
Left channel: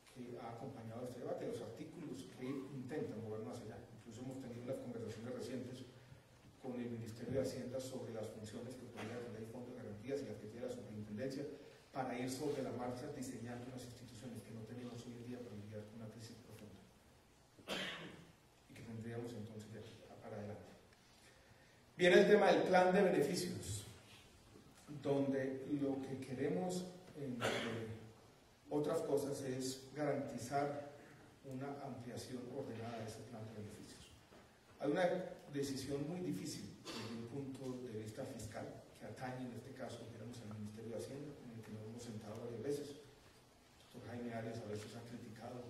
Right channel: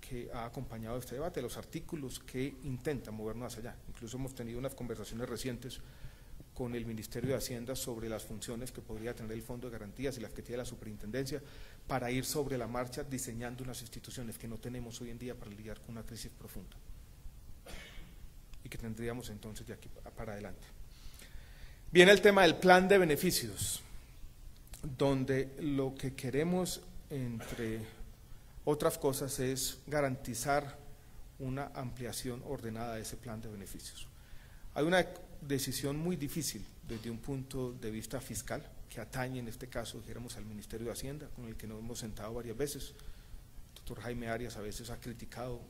que ha acompañado este debate, los artículos que intentan movernos hacia allá. Incluso hemos tenido unas conversaciones recientes con el Ministerio de Hacienda sobre las funciones que podría tener el Fondo de Garantías y las que tiene la Superintendencia, para ir sobre la marcha diseñando unas instituciones que no tenemos hoy en día para lidiar con una crisis profunda. y que tendríamos entonces de aquí para adelante. Viene el tema del plan de beneficios, donde lo que queremos, entre otras cosas, es garantizar una ampliación ordenada de ese plan de beneficios. Hay una decisión muy difícil desde un punto de vista fiscal, que atañe en este caso, dijéramos, al Ministerio de Hacienda, con el que nos hemos sentado varias veces. El doctor Jaime Arias a veces ha criticado,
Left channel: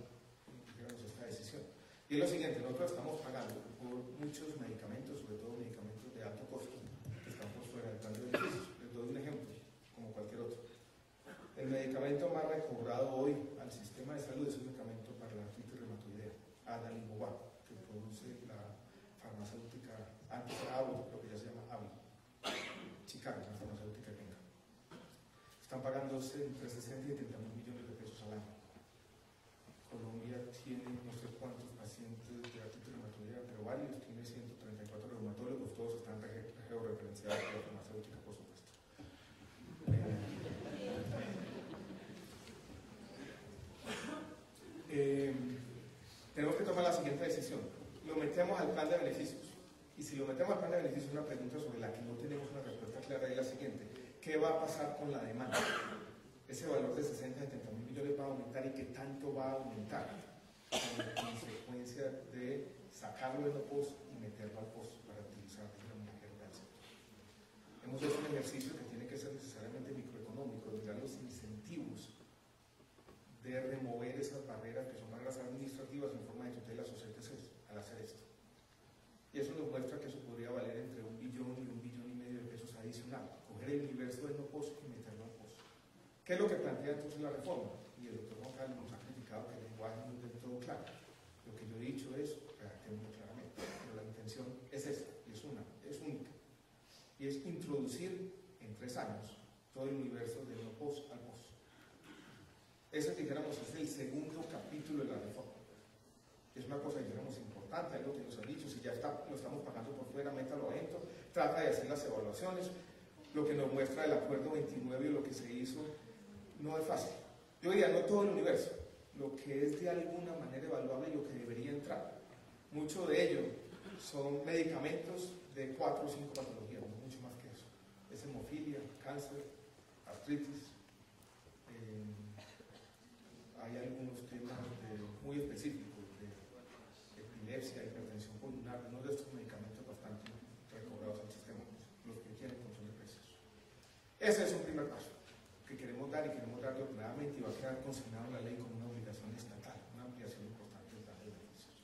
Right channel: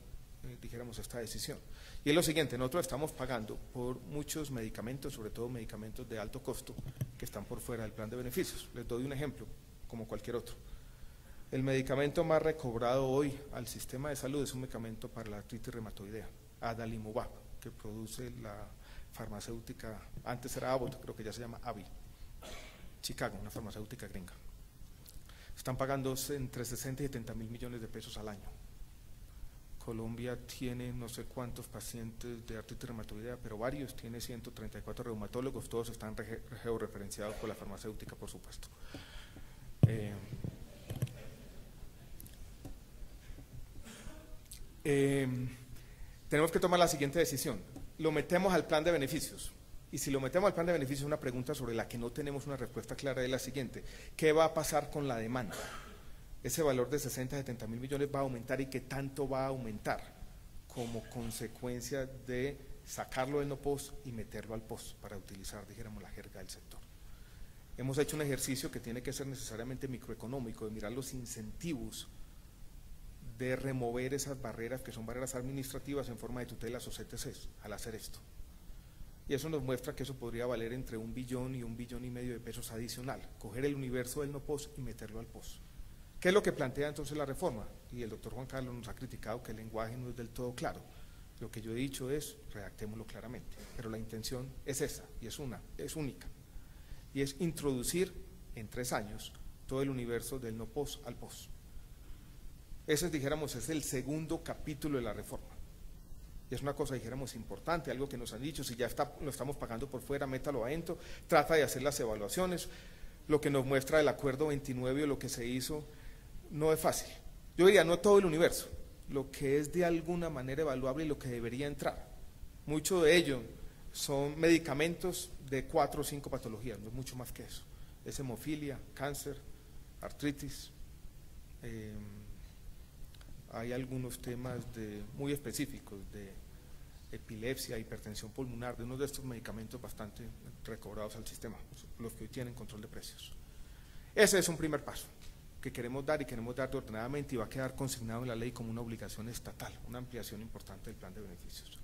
dijéramos, esta decisión. Y es lo siguiente: nosotros estamos pagando por muchos medicamentos, sobre todo medicamentos de alto costo, que están por fuera del plan de beneficios. Les doy un ejemplo, como cualquier otro. El medicamento más recobrado hoy al sistema de salud es un medicamento para la artritis reumatoidea, adalimumab, que produce la farmacéutica, antes era Abbott, creo que ya se llama AbbVie, Chicago, una farmacéutica gringa. Están pagando entre 60 y 70 mil millones de pesos al año. Colombia tiene no sé cuántos pacientes de artritis reumatoidea, pero varios, tiene 134 reumatólogos, todos están georreferenciados por la farmacéutica, por supuesto. Tenemos que tomar la siguiente decisión: lo metemos al plan de beneficios, y si lo metemos al plan de beneficios, una pregunta sobre la que no tenemos una respuesta clara es la siguiente: ¿qué va a pasar con la demanda? Ese valor de 60, 70 mil millones va a aumentar, y qué tanto va a aumentar como consecuencia de sacarlo del no POS y meterlo al POS, para utilizar, dijéramos, la jerga del sector. Hemos hecho un ejercicio que tiene que ser necesariamente microeconómico, de mirar los incentivos de remover esas barreras, que son barreras administrativas en forma de tutelas o CTCs, al hacer esto. Y eso nos muestra que eso podría valer entre 1 billón y 1,5 billones de pesos adicional, coger el universo del no POS y meterlo al POS. ¿Qué es lo que plantea entonces la reforma? Y el doctor Juan Carlos nos ha criticado que el lenguaje no es del todo claro. Lo que yo he dicho es, redactémoslo claramente, pero la intención es esa, y es única, y es introducir en 3 años todo el universo del no POS al POS. Ese, dijéramos, es el segundo capítulo de la reforma. Y es una cosa, dijéramos, importante, algo que nos han dicho: si ya lo estamos pagando por fuera, métalo adentro, trata de hacer las evaluaciones. Lo que nos muestra el acuerdo 29 o lo que se hizo no es fácil. Yo diría, no todo el universo, lo que es de alguna manera evaluable y lo que debería entrar. Mucho de ello son medicamentos de 4 o 5 patologías, no mucho más que eso. Es hemofilia, cáncer, artritis. Hay algunos temas muy específicos de epilepsia, hipertensión pulmonar, de uno de estos medicamentos bastante recobrados al sistema, los que tienen control de precios. Ese es un primer paso que queremos dar, y queremos dar ordenadamente, y va a quedar consignado en la ley como una obligación estatal, una ampliación importante del plan de beneficios.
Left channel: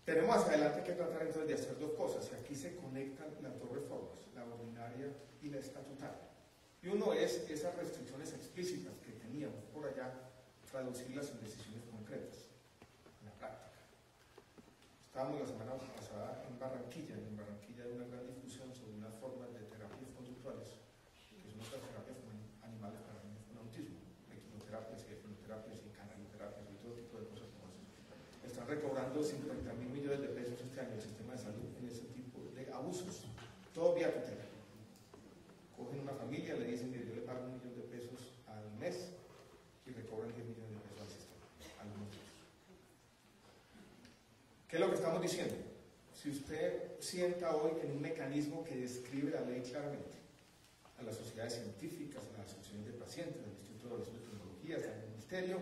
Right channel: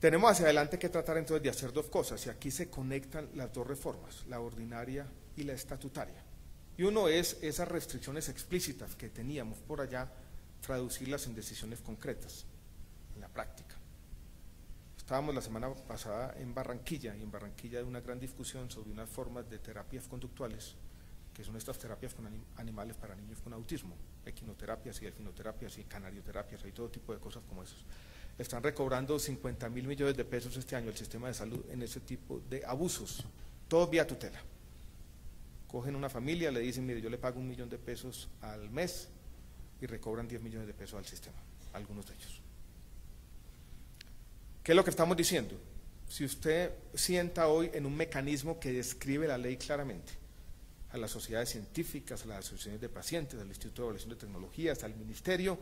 Tenemos hacia adelante que tratar entonces de hacer 2 cosas, y aquí se conectan las 2 reformas, la ordinaria y la estatutaria. Y uno es esas restricciones explícitas que teníamos por allá, traducirlas en decisiones concretas, en la práctica. Estábamos la semana pasada en Barranquilla, y en Barranquilla hay una gran discusión sobre unas formas de terapias conductuales, que son estas terapias con animales para niños con autismo, equinoterapias y delfinoterapias y canarioterapias y todo tipo de cosas como esas. Están recobrando 50 mil millones de pesos este año el sistema de salud en ese tipo de abusos, todo vía tutela. Cogen una familia, le dicen: mire, yo le pago 1 millón de pesos al mes, y recobran 10 millones de pesos al sistema, algunos de ellos. ¿Qué es lo que estamos diciendo? Si usted sienta hoy en un mecanismo que describe la ley claramente, a las sociedades científicas, a las asociaciones de pacientes, al Instituto de Evaluación de Tecnologías, al Ministerio,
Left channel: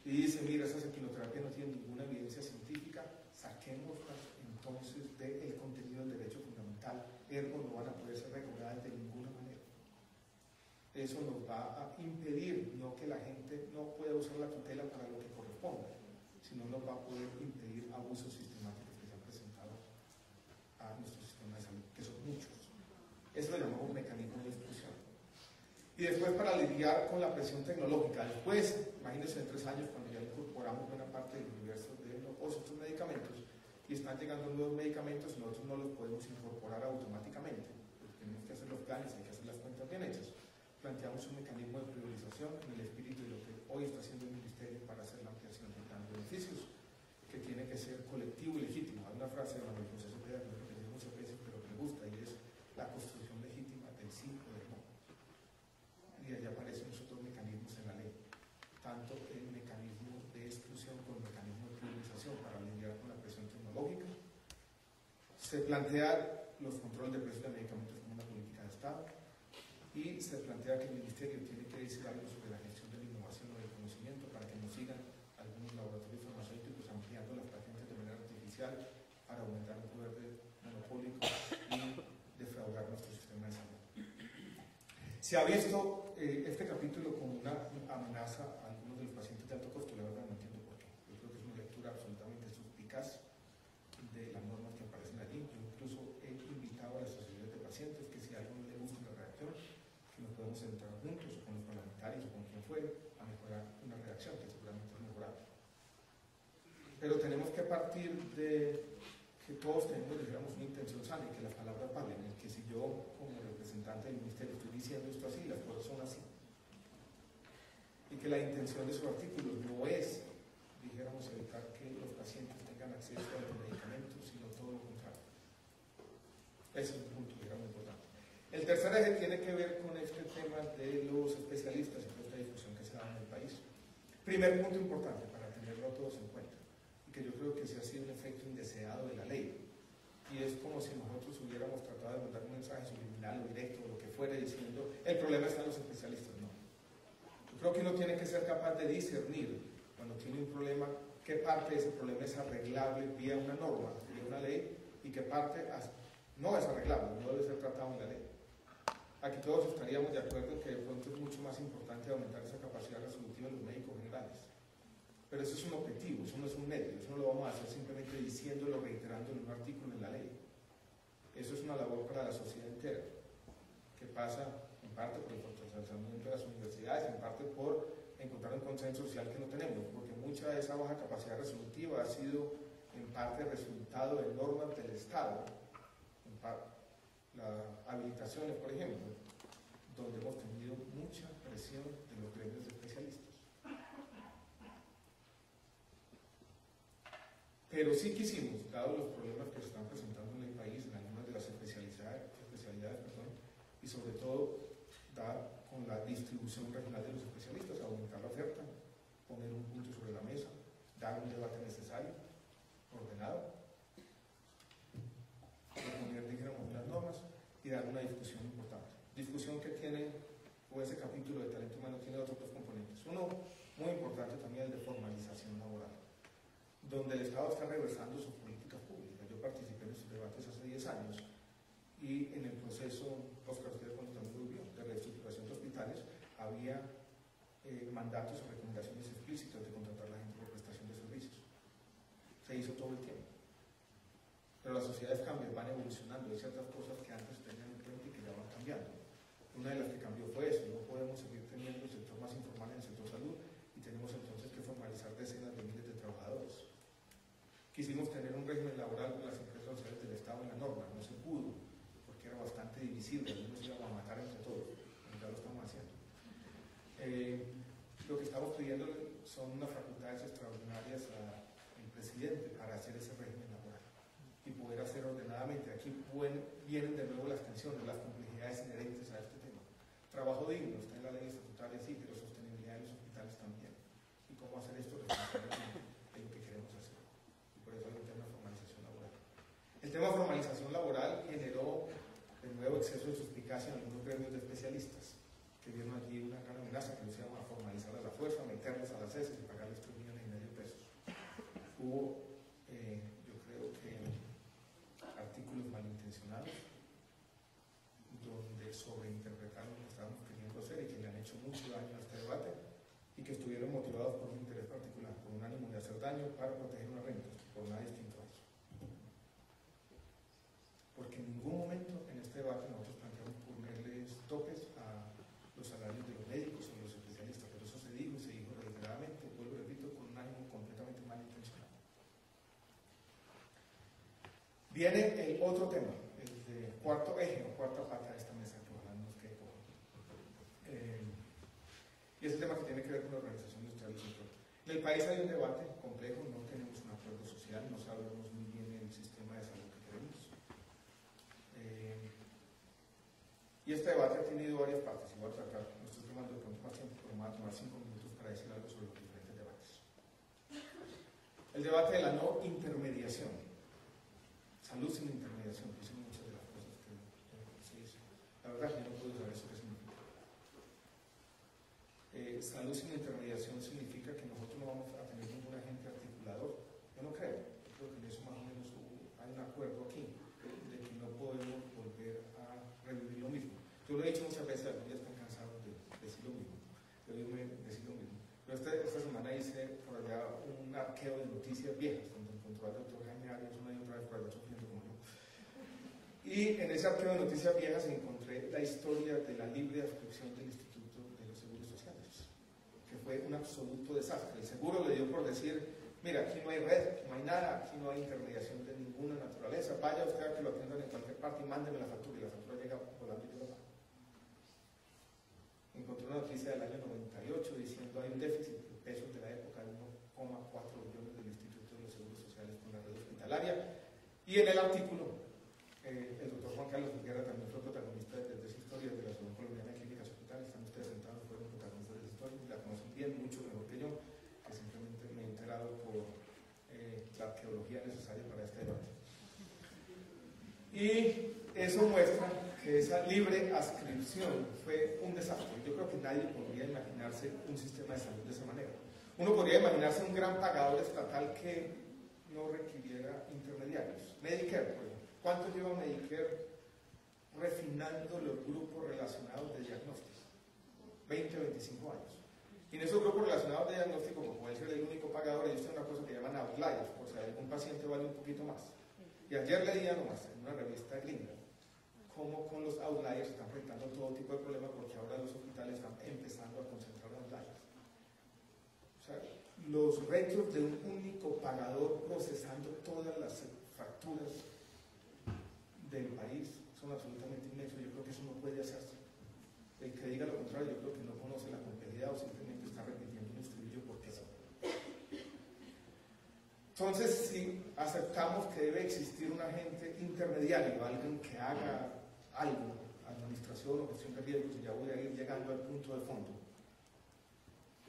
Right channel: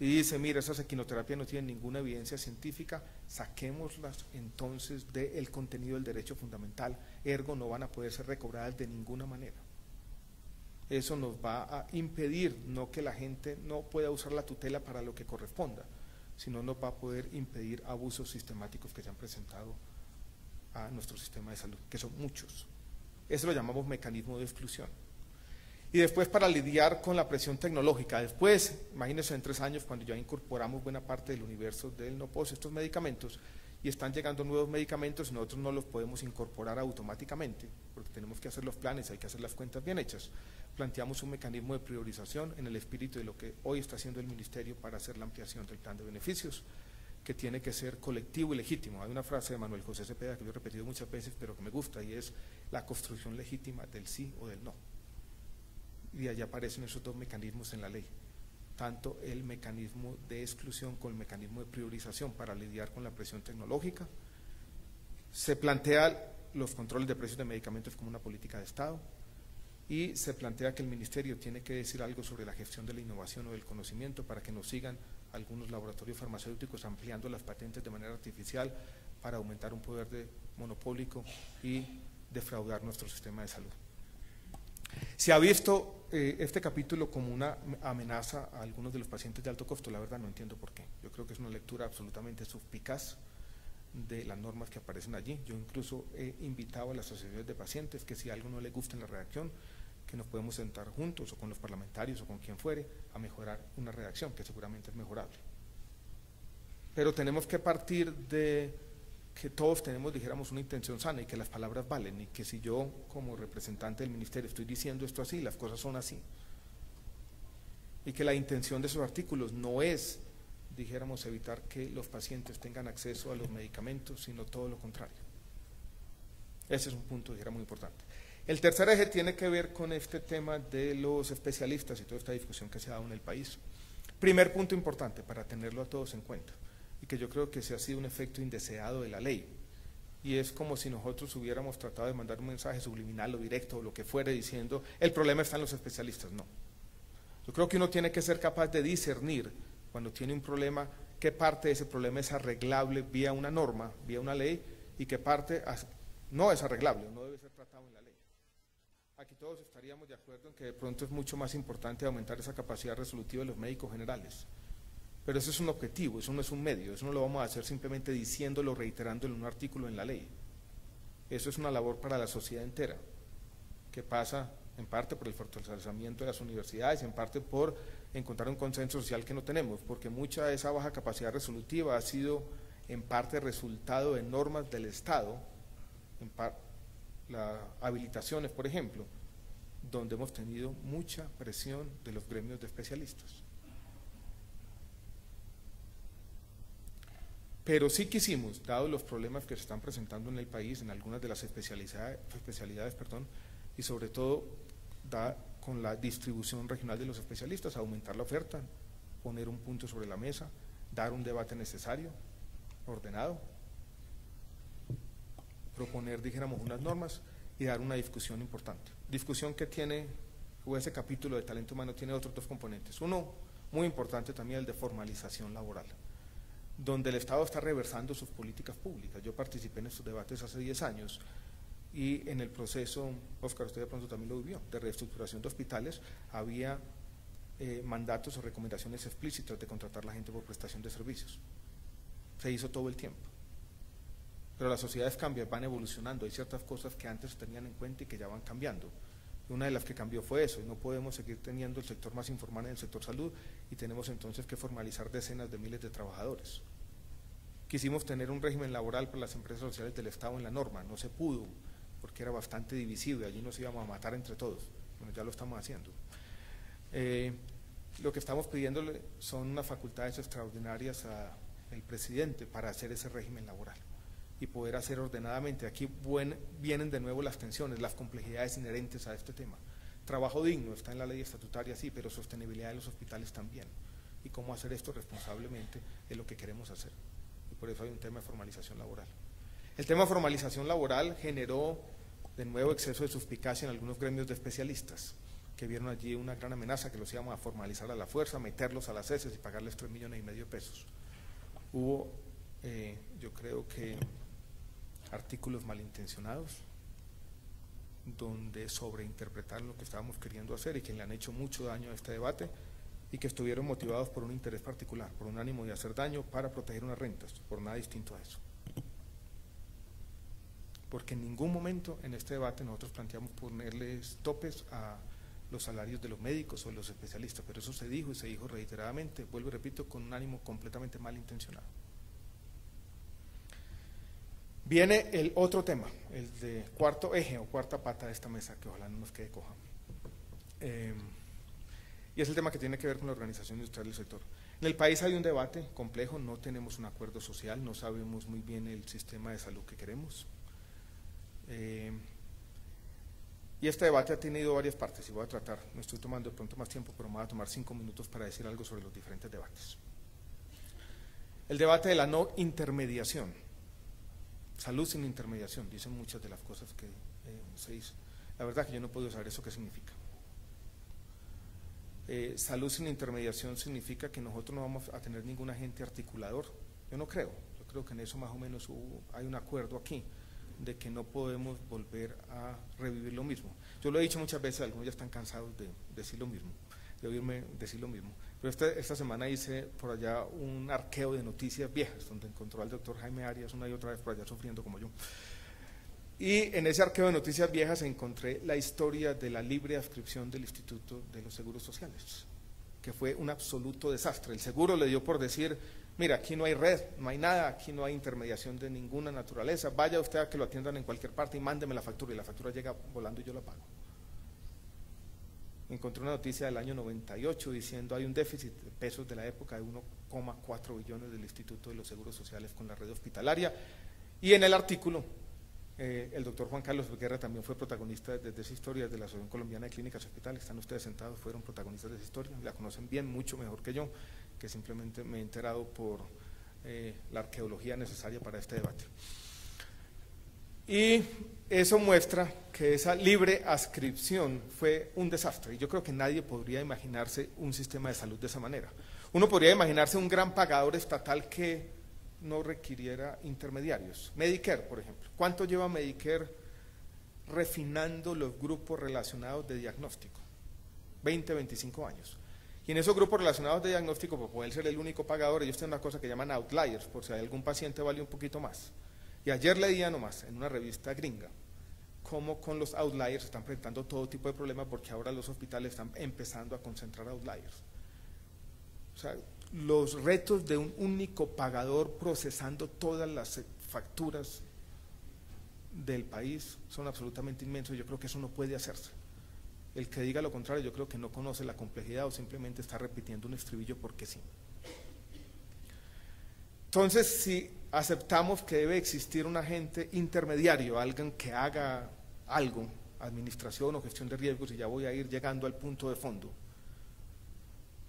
y dice: mira, estas equinoterapias no tienen ninguna evidencia científica, saquémoslas entonces del contenido del derecho fundamental, ergo no van a poder ser recobradas de ninguna manera. Eso nos va a impedir, no que la gente no pueda usar la tutela para lo que corresponda, sino nos va a poder impedir abusos sistemáticos que se han presentado a nuestro sistema de salud, que son muchos. Eso lo llamamos mecanismo de exclusión. Y después, para lidiar con la presión tecnológica, después, imagínense en 3 años, cuando ya incorporamos buena parte del universo del no POS, estos medicamentos, y están llegando nuevos medicamentos, nosotros no los podemos incorporar automáticamente, porque tenemos que hacer los planes, hay que hacer las cuentas bien hechas. Planteamos un mecanismo de priorización en el espíritu de lo que hoy está haciendo el Ministerio para hacer la ampliación del plan de beneficios, que tiene que ser colectivo y legítimo. Hay una frase de Manuel José Cepeda que yo he repetido muchas veces, pero que me gusta, y es la construcción legítima del sí o del no. Y allá aparecen esos 2 mecanismos en la ley. tanto el mecanismo de exclusión como el mecanismo de priorización para lidiar con la presión tecnológica. Se plantea los controles de precios de medicamentos como una política de Estado y se plantea que el Ministerio tiene que decir algo sobre la gestión de la innovación o del conocimiento para que nos sigan algunos laboratorios farmacéuticos ampliando las patentes de manera artificial para aumentar un poder monopólico y defraudar nuestro sistema de salud. Se ha visto este capítulo como una amenaza a algunos de los pacientes de alto costo, la verdad no entiendo por qué. Yo creo que es una lectura absolutamente suspicaz de las normas que aparecen allí. Yo incluso he invitado a las asociaciones de pacientes que si a algo no les gusta en la redacción, que nos podemos sentar juntos o con los parlamentarios o con quien fuere a mejorar una redacción que seguramente es mejorable. Pero tenemos que partir de que todos tenemos, dijéramos, una intención sana y que las palabras valen y que si yo como representante del ministerio estoy diciendo esto así, las cosas son así. Y que la intención de esos artículos no es, dijéramos, evitar que los pacientes tengan acceso a los medicamentos, sino todo lo contrario. Ese es un punto, dijéramos, muy importante. El tercer eje tiene que ver con este tema de los especialistas y toda esta discusión que se ha dado en el país. Primer punto importante para tenerlo a todos en cuenta, y que yo creo que ese ha sido un efecto indeseado de la ley, y es como si nosotros hubiéramos tratado de mandar un mensaje subliminal o directo o lo que fuere diciendo el problema está en los especialistas. No. Yo creo que uno tiene que ser capaz de discernir cuando tiene un problema, qué parte de ese problema es arreglable vía una norma, vía una ley, y qué parte no es arreglable, no debe ser tratado en la ley. Aquí todos estaríamos de acuerdo en que de pronto es mucho más importante aumentar esa capacidad resolutiva de los médicos generales. Pero eso es un objetivo, eso no es un medio, eso no lo vamos a hacer simplemente diciéndolo, reiterándolo en un artículo en la ley. Eso es una labor para la sociedad entera, que pasa en parte por el fortalecimiento de las universidades, en parte por encontrar un consenso social que no tenemos, porque mucha de esa baja capacidad resolutiva ha sido en parte resultado de normas del Estado, las habilitaciones, por ejemplo, donde hemos tenido mucha presión de los gremios de especialistas. Pero sí quisimos, dado los problemas que se están presentando en el país, en algunas de las especialidades, y sobre todo con la distribución regional de los especialistas, aumentar la oferta, poner un punto sobre la mesa, dar un debate necesario, ordenado, proponer, dijéramos, unas normas y dar una discusión importante. Discusión que tiene, o ese capítulo de talento humano tiene otros dos componentes. Uno, muy importante también, el de formalización laboral, donde el Estado está reversando sus políticas públicas. Yo participé en estos debates hace 10 años y en el proceso, Oscar, usted de pronto también lo vivió, de reestructuración de hospitales, había mandatos o recomendaciones explícitas de contratar a la gente por prestación de servicios. Se hizo todo el tiempo. Pero las sociedades cambian, van evolucionando, hay ciertas cosas que antes se tenían en cuenta y que ya van cambiando. Una de las que cambió fue eso, no podemos seguir teniendo el sector más informal en el sector salud y tenemos entonces que formalizar decenas de miles de trabajadores. Quisimos tener un régimen laboral por las empresas sociales del Estado en la norma, no se pudo, porque era bastante divisible, allí nos íbamos a matar entre todos, bueno, ya lo estamos haciendo. Lo que estamos pidiendo son unas facultades extraordinarias al presidente para hacer ese régimen laboral y poder hacer ordenadamente. Aquí vienen de nuevo las tensiones, las complejidades inherentes a este tema. Trabajo digno está en la ley estatutaria, sí, pero sostenibilidad en los hospitales también. Y cómo hacer esto responsablemente es lo que queremos hacer. Y por eso hay un tema de formalización laboral. El tema de formalización laboral generó de nuevo exceso de suspicacia en algunos gremios de especialistas, que vieron allí una gran amenaza, que los íbamos a formalizar a la fuerza, meterlos a las heces y pagarles 3,5 millones de pesos. Hubo, yo creo que, artículos malintencionados, donde sobreinterpretaron lo que estábamos queriendo hacer y que le han hecho mucho daño a este debate y que estuvieron motivados por un interés particular, por un ánimo de hacer daño para proteger unas rentas, por nada distinto a eso. Porque en ningún momento en este debate nosotros planteamos ponerles topes a los salarios de los médicos o de los especialistas, pero eso se dijo y se dijo reiteradamente, vuelvo y repito, con un ánimo completamente malintencionado. Viene el otro tema, el de cuarto eje o cuarta pata de esta mesa, que ojalá no nos quede coja. Y es el tema que tiene que ver con la organización industrial del sector. En el país hay un debate complejo, no tenemos un acuerdo social, no sabemos muy bien el sistema de salud que queremos. Y este debate ha tenido varias partes y voy a tratar, no estoy tomando de pronto más tiempo, pero me voy a tomar 5 minutos para decir algo sobre los diferentes debates. El debate de la no intermediación, salud sin intermediación, dicen muchas de las cosas que se dicen. La verdad que yo no puedo saber eso qué significa. Salud sin intermediación significa que nosotros no vamos a tener ningún agente articulador. Yo no creo, yo creo que en eso más o menos hay un acuerdo aquí, de que no podemos volver a revivir lo mismo. Yo lo he dicho muchas veces, algunos ya están cansados de decir lo mismo, de oírme decir lo mismo. Pero esta semana hice por allá un arqueo de noticias viejas, donde encontró al doctor Jaime Arias una y otra vez por allá sufriendo como yo. Y en ese arqueo de noticias viejas encontré la historia de la libre adscripción del Instituto de los Seguros Sociales, que fue un absoluto desastre. El seguro le dio por decir, mira, aquí no hay red, no hay nada, aquí no hay intermediación de ninguna naturaleza, vaya usted a que lo atiendan en cualquier parte y mándeme la factura, y la factura llega volando y yo la pago. Encontré una noticia del año 98 diciendo hay un déficit de pesos de la época de 1,4 billones del Instituto de los Seguros Sociales con la red hospitalaria, y en el artículo el doctor Juan Carlos Guerra también fue protagonista de esa historia, de la Asociación Colombiana de Clínicas Hospitales. Están ustedes sentados, fueron protagonistas de esa historia, la conocen bien, mucho mejor que yo, que simplemente me he enterado por la arqueología necesaria para este debate. Y eso muestra que esa libre adscripción fue un desastre. Yo creo que nadie podría imaginarse un sistema de salud de esa manera. Uno podría imaginarse un gran pagador estatal que no requiriera intermediarios. Medicare, por ejemplo. ¿Cuánto lleva Medicare refinando los grupos relacionados de diagnóstico? 20, 25 años. Y en esos grupos relacionados de diagnóstico, por poder ser el único pagador, ellos tienen una cosa que llaman outliers, por si algún paciente vale un poquito más. Y ayer leía nomás en una revista gringa cómo con los outliers están presentando todo tipo de problemas, porque ahora los hospitales están empezando a concentrar outliers. O sea, los retos de un único pagador procesando todas las facturas del país son absolutamente inmensos. Yo creo que eso no puede hacerse. El que diga lo contrario, yo creo que no conoce la complejidad o simplemente está repitiendo un estribillo porque sí. Entonces, si aceptamos que debe existir un agente intermediario, alguien que haga algo, administración o gestión de riesgos, y ya voy a ir llegando al punto de fondo,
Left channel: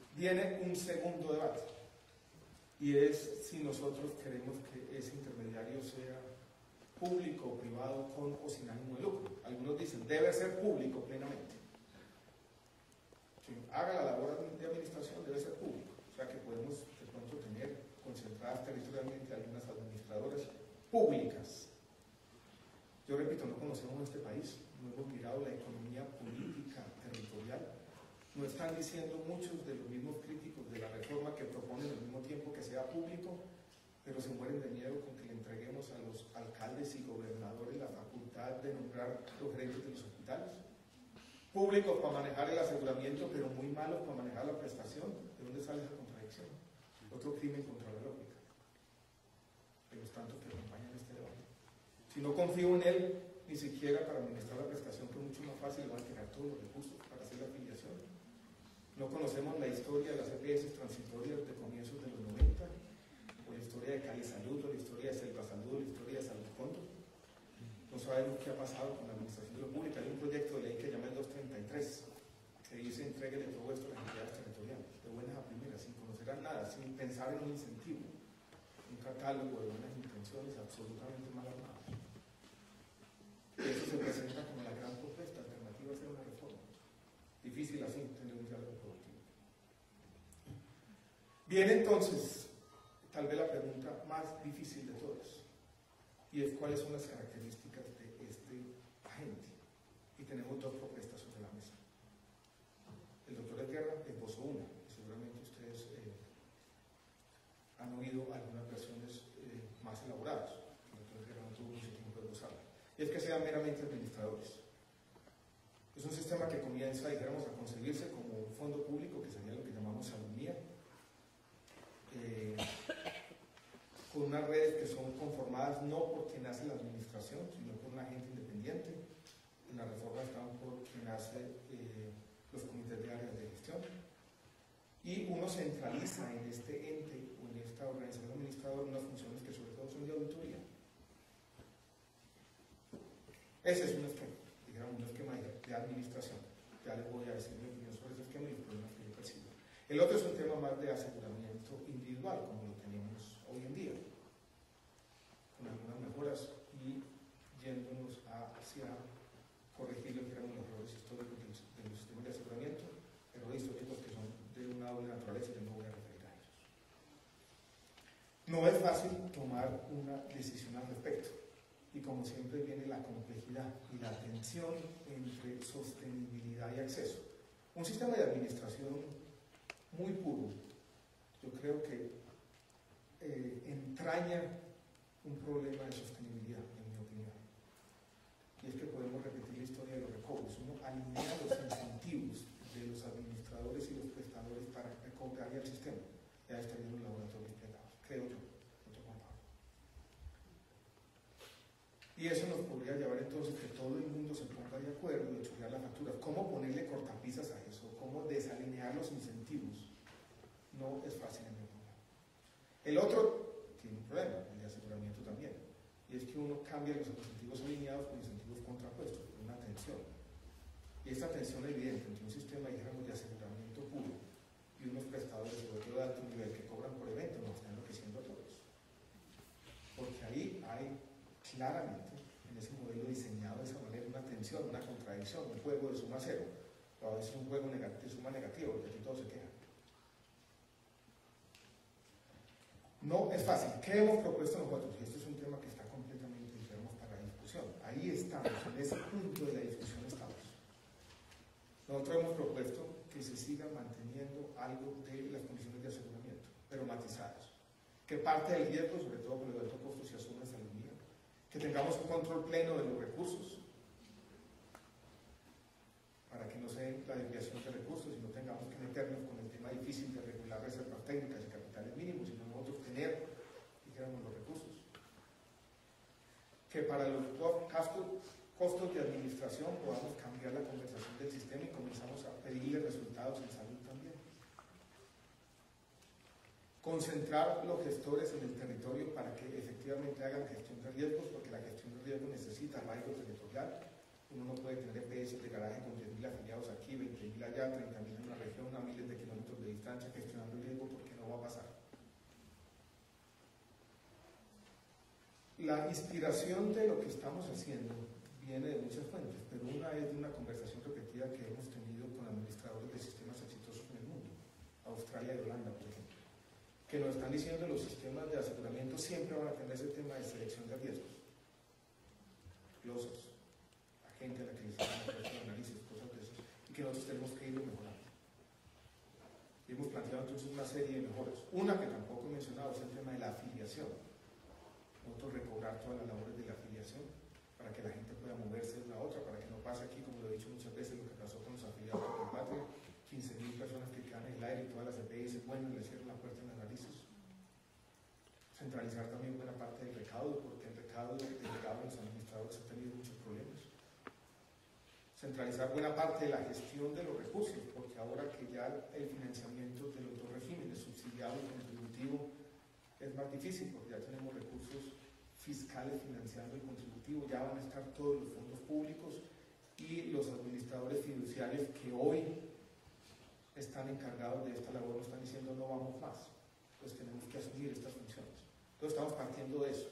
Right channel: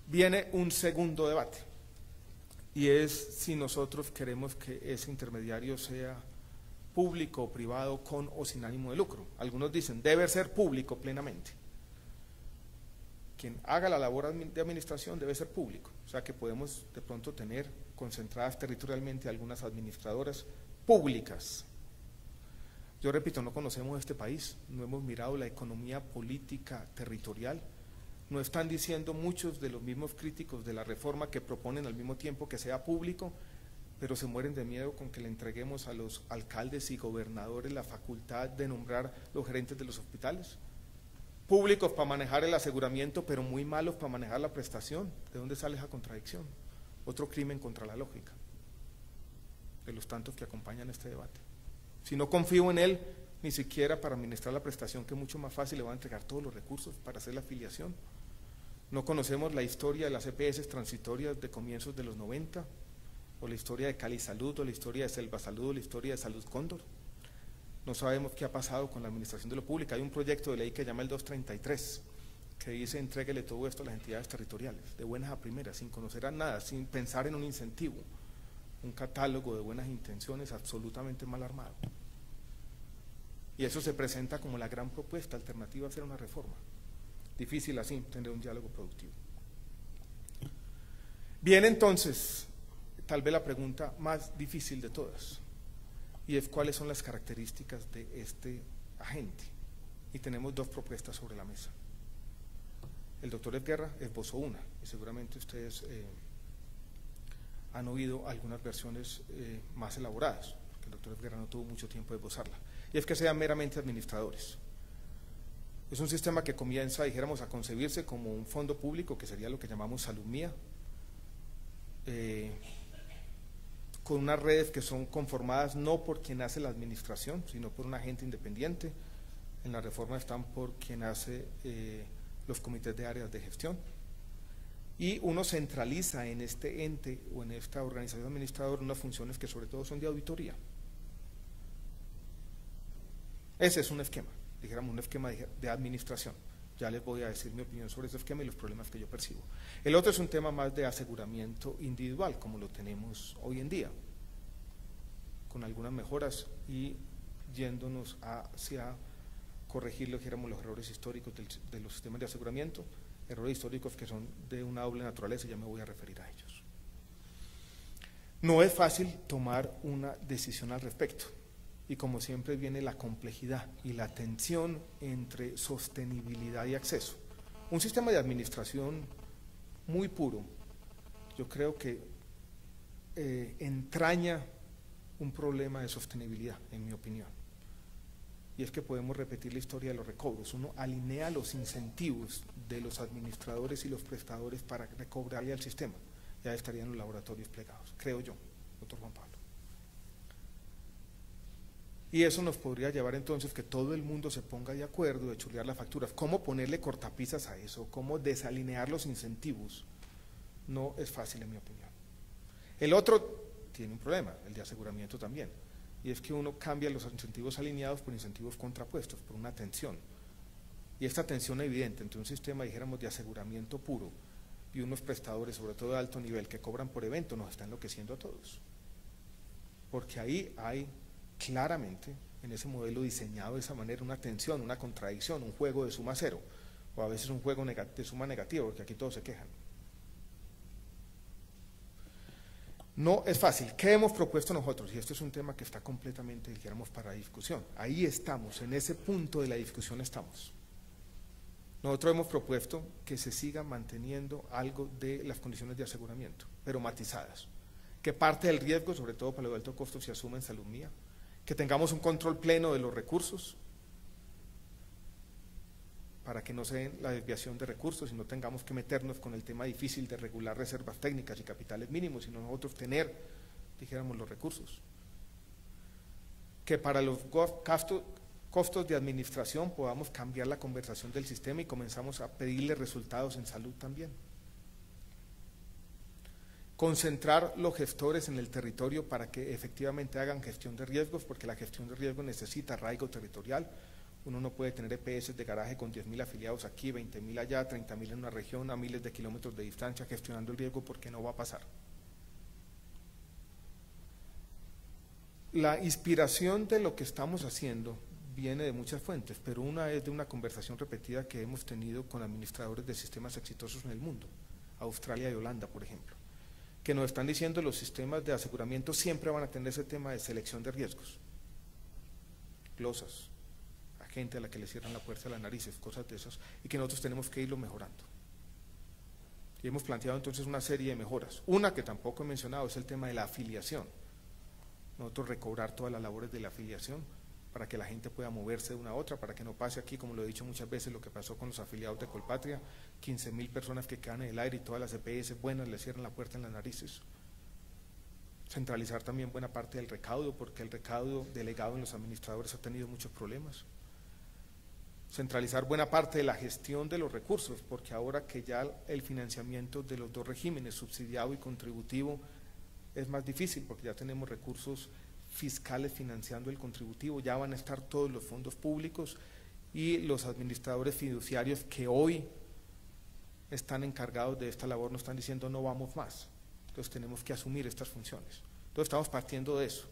viene un segundo debate, y es si nosotros queremos que ese intermediario sea público o privado, con o sin ánimo de lucro. Algunos dicen, debe ser público plenamente. Quien haga la labor de administración debe ser público. O sea que podemos de pronto tener concentradas territorialmente algunas administradoras públicas. Yo repito, no conocemos este país, no hemos mirado la economía política territorial. No están diciendo muchos de los mismos críticos de la reforma que proponen al mismo tiempo que sea público, pero se mueren de miedo con que le entreguemos a los alcaldes y gobernadores la facultad de nombrar los gerentes de los hospitales. Públicos para manejar el aseguramiento, pero muy malos para manejar la prestación. ¿De dónde sale esa contradicción? Otro crimen contra la lógica, de los tantos que acompañan este debate. Si no confío en él, ni siquiera para administrar la prestación, que es mucho más fácil, le va a entregar todos los recursos para hacer la afiliación. No conocemos la historia de las EPS transitorias de comienzos de los 90, o la historia de Cali Salud, o la historia de Selva Salud, o la historia de Salud Cóndor. No sabemos qué ha pasado con la administración de lo público. Hay un proyecto de ley que se llama el 233, que dice entréguele todo esto a las entidades territoriales, de buenas a primeras, sin conocer a nada, sin pensar en un incentivo, un catálogo de buenas intenciones absolutamente mal armado. Y eso se presenta como la gran propuesta alternativa a hacer una reforma. Difícil así tener un diálogo productivo. Bien, entonces, tal vez la pregunta más difícil de todas, y es cuáles son las características de este agente. Y tenemos dos propuestas sobre la mesa. El doctor Guerra esbozó una, y seguramente ustedes han oído algunas versiones más elaboradas, que el doctor Guerra no tuvo mucho tiempo de esbozarla, y es que sean meramente administradores. Es un sistema que comienza, dijéramos, a concebirse como un fondo público, que sería lo que llamamos salud mía, con unas redes que son conformadas no por quien hace la administración, sino por un agente independiente. En la reforma están por quien hace los comités de áreas de gestión. Y uno centraliza en este ente o en esta organización administradora unas funciones que sobre todo son de auditoría. Ese es un esquema. dijéramos, un esquema de administración. Ya les voy a decir mi opinión sobre ese esquema y los problemas que yo percibo. El otro es un tema más de aseguramiento individual, como lo tenemos hoy en día, con algunas mejoras y yéndonos hacia corregir lo que éramos los errores históricos de los sistemas de aseguramiento, errores históricos que son de una doble naturaleza, ya me voy a referir a ellos. No es fácil tomar una decisión al respecto, y como siempre viene la complejidad y la tensión entre sostenibilidad y acceso. Un sistema de administración muy puro, yo creo que entraña un problema de sostenibilidad, en mi opinión. Y es que podemos repetir la historia de los recobros. Uno alinea los incentivos de los administradores y los prestadores para recobrarle al sistema. Ya estarían los laboratorios plegados, creo yo, doctor Juan Pablo. Y eso nos podría llevar entonces que todo el mundo se ponga de acuerdo de chulear las facturas. ¿Cómo ponerle cortapisas a eso? ¿Cómo desalinear los incentivos? No es fácil, en mi opinión. El otro tiene un problema, el de aseguramiento también, y es que uno cambia los incentivos alineados por incentivos contrapuestos, por una tensión. Y esta tensión evidente entre un sistema, dijéramos, de aseguramiento puro y unos prestadores, sobre todo de alto nivel, que cobran por evento, nos está enloqueciendo a todos. Porque ahí hay claramente, en ese modelo diseñado de esa manera, una tensión, una contradicción, un juego de suma cero, o a veces un juego de suma negativa, porque aquí todos se quejan. No es fácil. ¿Qué hemos propuesto nosotros? Y esto es un tema que está completamente, digamos, para discusión. Ahí estamos, en ese punto de la discusión estamos. Nosotros hemos propuesto que se siga manteniendo algo de las condiciones de aseguramiento, pero matizadas. Que parte del riesgo, sobre todo para lo de alto costo, se asuma en salud mía. Que tengamos un control pleno de los recursos, para que no se den la desviación de recursos y no tengamos que meternos con el tema difícil de regular reservas técnicas y capitales mínimos, sino nosotros tener, dijéramos, los recursos. Que para los costos de administración podamos cambiar la conversación del sistema y comenzamos a pedirle resultados en salud también. Concentrar los gestores en el territorio para que efectivamente hagan gestión de riesgos, porque la gestión de riesgos necesita arraigo territorial. Uno no puede tener EPS de garaje con 10.000 afiliados aquí, 20.000 allá, 30.000 en una región, a miles de kilómetros de distancia, gestionando el riesgo, porque no va a pasar. La inspiración de lo que estamos haciendo viene de muchas fuentes, pero una es de una conversación repetida que hemos tenido con administradores de sistemas exitosos en el mundo, Australia y Holanda, por ejemplo, que nos están diciendo que los sistemas de aseguramiento siempre van a tener ese tema de selección de riesgos, glosas, gente a la que le cierran la puerta a las narices, cosas de esas, y que nosotros tenemos que irlo mejorando. Y hemos planteado entonces una serie de mejoras. Una que tampoco he mencionado es el tema de la afiliación. Nosotros recobrar todas las labores de la afiliación para que la gente pueda moverse de una a otra, para que no pase aquí, como lo he dicho muchas veces, lo que pasó con los afiliados de Colpatria, 15.000 personas que quedan en el aire y todas las EPS buenas le cierran la puerta en las narices. Centralizar también buena parte del recaudo, porque el recaudo delegado en los administradores ha tenido muchos problemas. Centralizar buena parte de la gestión de los recursos, porque ahora que ya el financiamiento de los dos regímenes, subsidiado y contributivo, es más difícil, porque ya tenemos recursos fiscales financiando el contributivo, ya van a estar todos los fondos públicos y los administradores fiduciarios que hoy están encargados de esta labor nos están diciendo no vamos más, entonces tenemos que asumir estas funciones. Entonces estamos partiendo de eso,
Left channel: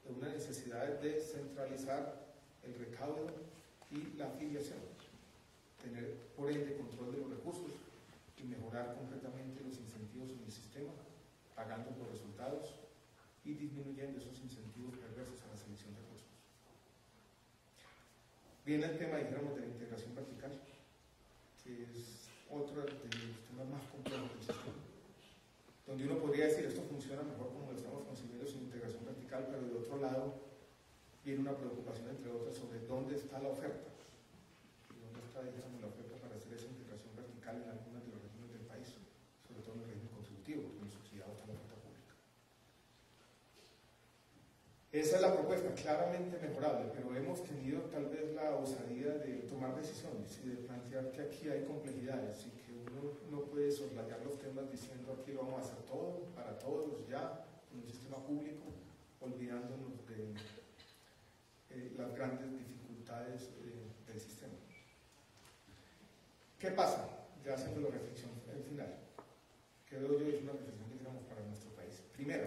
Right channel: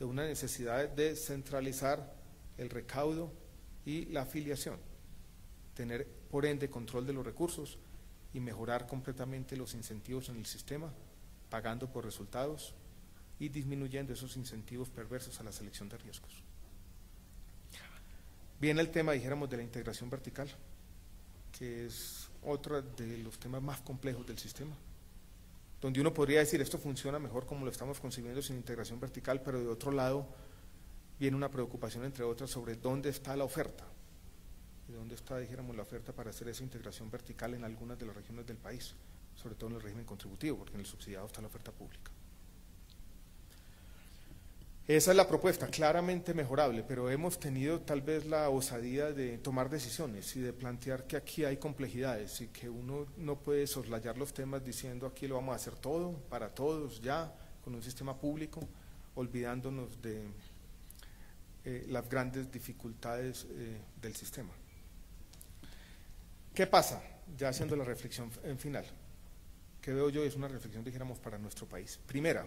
de una necesidad de centralizar el recaudo y la afiliación, tener por ende control de los recursos y mejorar completamente los incentivos en el sistema, pagando por resultados y disminuyendo esos incentivos perversos a la selección de riesgos. Viene el tema, dijéramos, de la integración vertical, que es otro de los temas más complejos del sistema, donde uno podría decir esto funciona mejor como lo estamos concibiendo sin integración vertical, pero de otro lado viene una preocupación, entre otras, sobre dónde está la oferta y dónde está, dijéramos, la oferta para hacer esa integración vertical en algunas de las regiones del país, sobre todo en el régimen contributivo, porque en el subsidiado está la oferta pública. Esa es la propuesta, claramente mejorable, pero hemos tenido tal vez la osadía de tomar decisiones y de plantear que aquí hay complejidades y que uno no puede soslayar los temas diciendo aquí lo vamos a hacer todo, para todos, ya, con un sistema público, olvidándonos de las grandes dificultades del sistema. ¿Qué pasa? Ya haciendo la reflexión final, que veo yo es una reflexión, dijéramos, para nuestro país. Primera,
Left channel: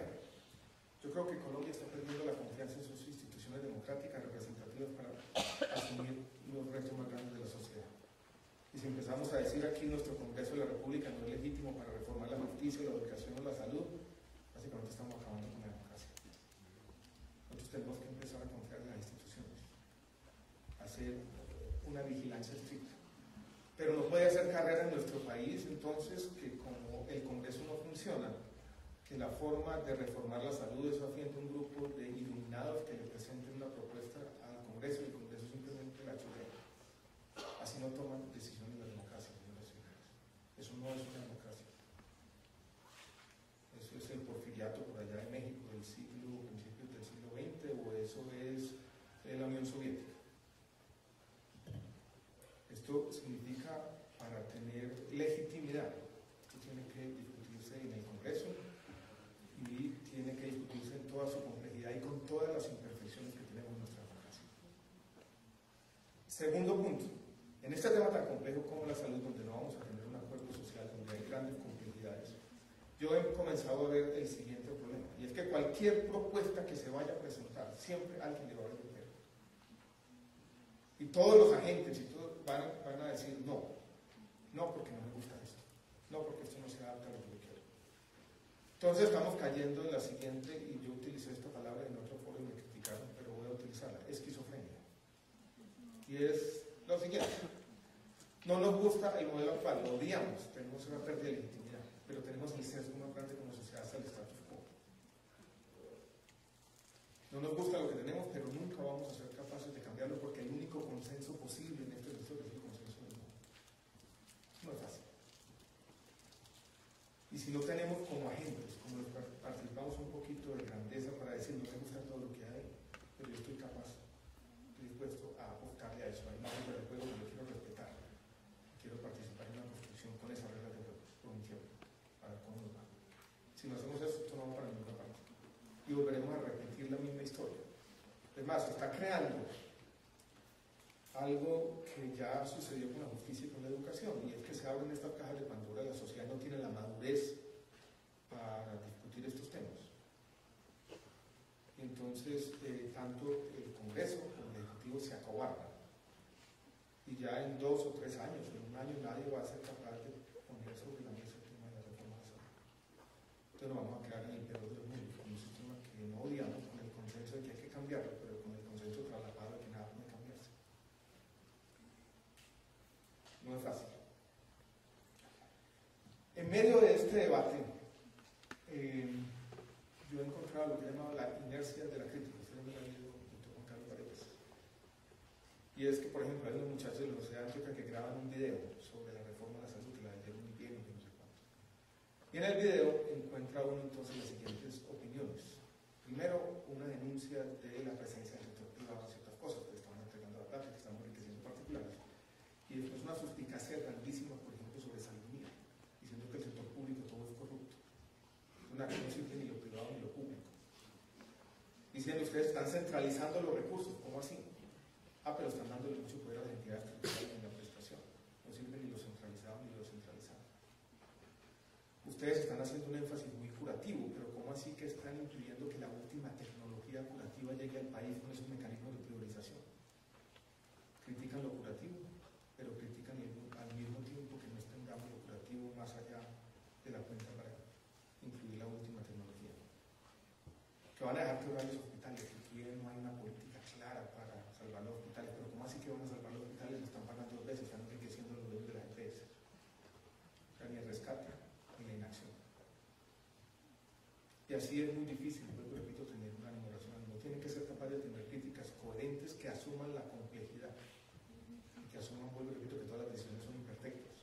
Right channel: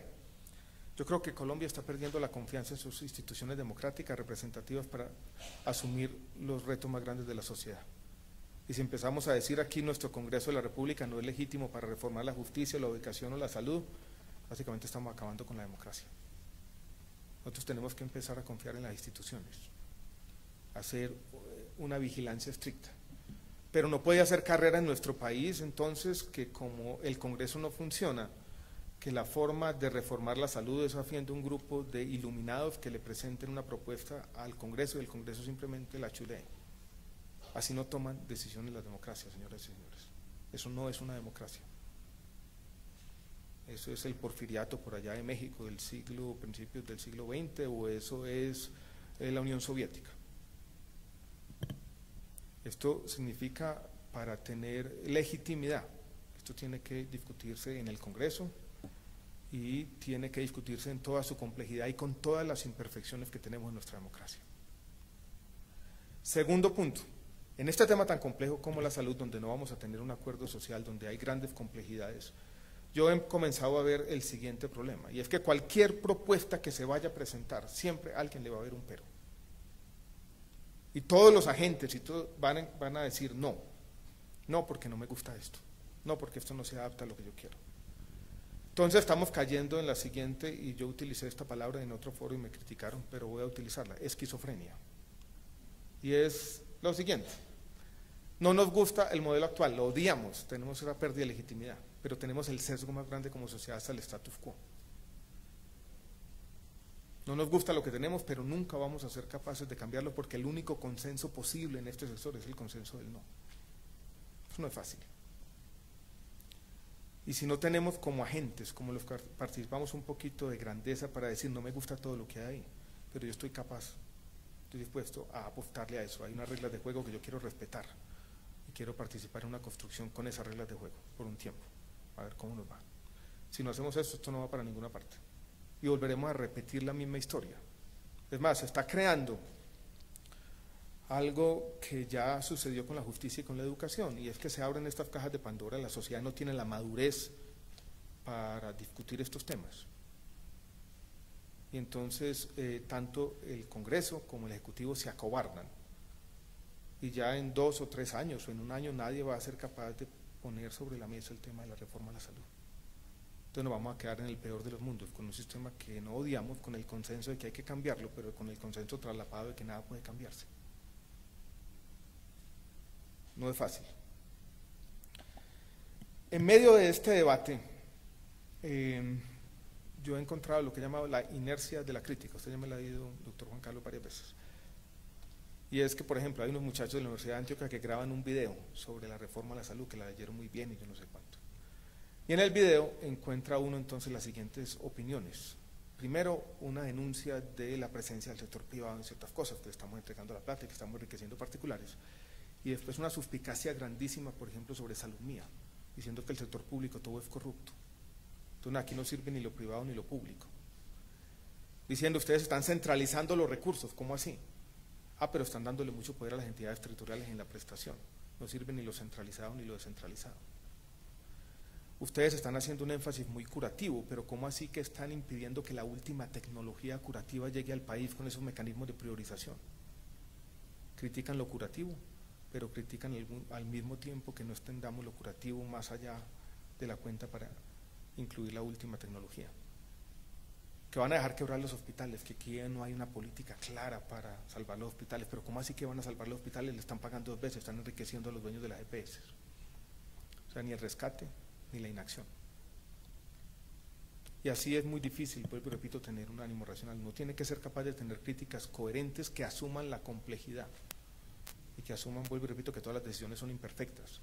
yo creo que Colombia está perdiendo la confianza en sus instituciones democráticas representativas para asumir los retos más grandes de la sociedad. Y si empezamos a decir aquí nuestro Congreso de la República no es legítimo para reformar la justicia, la educación o la salud, básicamente estamos acabando con la democracia. Nosotros tenemos que empezar a confiar en las instituciones, hacer una vigilancia estricta. Pero no puede hacer carrera en nuestro país, entonces, que como el Congreso no funciona, que la forma de reformar la salud es haciendo un grupo de iluminados que le presenten una propuesta al Congreso y el Congreso simplemente la churee. Así no toman decisiones las democracias, señoras y señores. Eso no es una democracia. Eso es el porfiriato por allá de México del principios del siglo XX, o eso es la Unión Soviética. Esto significa, para tener legitimidad, esto tiene que discutirse en el Congreso y tiene que discutirse en toda su complejidad y con todas las imperfecciones que tenemos en nuestra democracia. Segundo punto, en este tema tan complejo como la salud, donde no vamos a tener un acuerdo social, donde hay grandes complejidades, yo he comenzado a ver el siguiente problema, y es que cualquier propuesta que se vaya a presentar, siempre a alguien le va a haber un pero. Y todos los agentes y todos van a decir no, no porque no me gusta esto, no porque esto no se adapta a lo que yo quiero. Entonces estamos cayendo en la siguiente, y yo utilicé esta palabra en otro foro y me criticaron, pero voy a utilizarla, esquizofrenia. Y es lo siguiente, no nos gusta el modelo actual, lo odiamos, tenemos una pérdida de legitimidad, pero tenemos el sesgo más grande como sociedad hasta el status quo. No nos gusta lo que tenemos, pero nunca vamos a ser capaces de cambiarlo, porque el único consenso posible en este sector es el consenso del no. Eso no es fácil. Y si no tenemos como agentes, como los que participamos, un poquito de grandeza para decir no me gusta todo lo que hay, pero yo estoy capaz, estoy dispuesto a apostarle a eso. Hay unas reglas de juego que yo quiero respetar y quiero participar en una construcción con esas reglas de juego por un tiempo, a ver cómo nos va. Si no hacemos eso, esto no va para ninguna parte. Y volveremos a repetir la misma historia. Es más, se está creando algo que ya sucedió con la justicia y con la educación, y es que se abren estas cajas de Pandora. La sociedad no tiene la madurez para discutir estos temas. Y entonces tanto el Congreso como el Ejecutivo se acobardan. Y ya en 2 o 3 años o en un año nadie va a ser capaz de poner sobre la mesa el tema de la reforma de la salud. Entonces nos vamos a quedar en el peor de los mundos, con un sistema que no odiamos, con el consenso de que hay que cambiarlo, pero con el consenso trasladado de que nada puede cambiarse. No es fácil. En medio de este debate, yo he encontrado lo que he llamado la inercia de la crítica. Usted ya me lo ha leído, doctor Juan Carlos, varias veces. Y es que, por ejemplo, hay unos muchachos de la Universidad de Antioquia que graban un video sobre la reforma de la salud, que la leyeron muy bien y yo no sé cuánto. Y en el video encuentra uno entonces las siguientes opiniones. Primero, una denuncia de la presencia del sector privado en ciertas cosas, que estamos entregando la plata y que estamos enriqueciendo particulares. Y después una suspicacia grandísima, por ejemplo, sobre salud mía, diciendo que el sector público todo es corrupto. Entonces aquí no sirve ni lo privado ni lo público. Diciendo, ustedes están centralizando los recursos, ¿cómo así? Ah, pero están dándole mucho poder a las entidades territoriales en la prestación. No sirve ni lo centralizado ni lo descentralizado. Ustedes están haciendo un énfasis muy curativo, pero ¿cómo así que están impidiendo que la última tecnología curativa llegue al país con esos mecanismos de priorización? Critican lo curativo, pero critican al mismo tiempo que no extendamos lo curativo más allá de la cuenta para incluir la última tecnología. Que van a dejar quebrar los hospitales, que aquí no hay una política clara para salvar los hospitales, pero ¿cómo así que van a salvar los hospitales? Le están pagando 2 veces, están enriqueciendo a los dueños de las EPS. O sea, ni el rescate ni la inacción. Y así es muy difícil, vuelvo y repito, tener un ánimo racional. Uno tiene que ser capaz de tener críticas coherentes que asuman la complejidad y que asuman, vuelvo y repito, que todas las decisiones son imperfectas.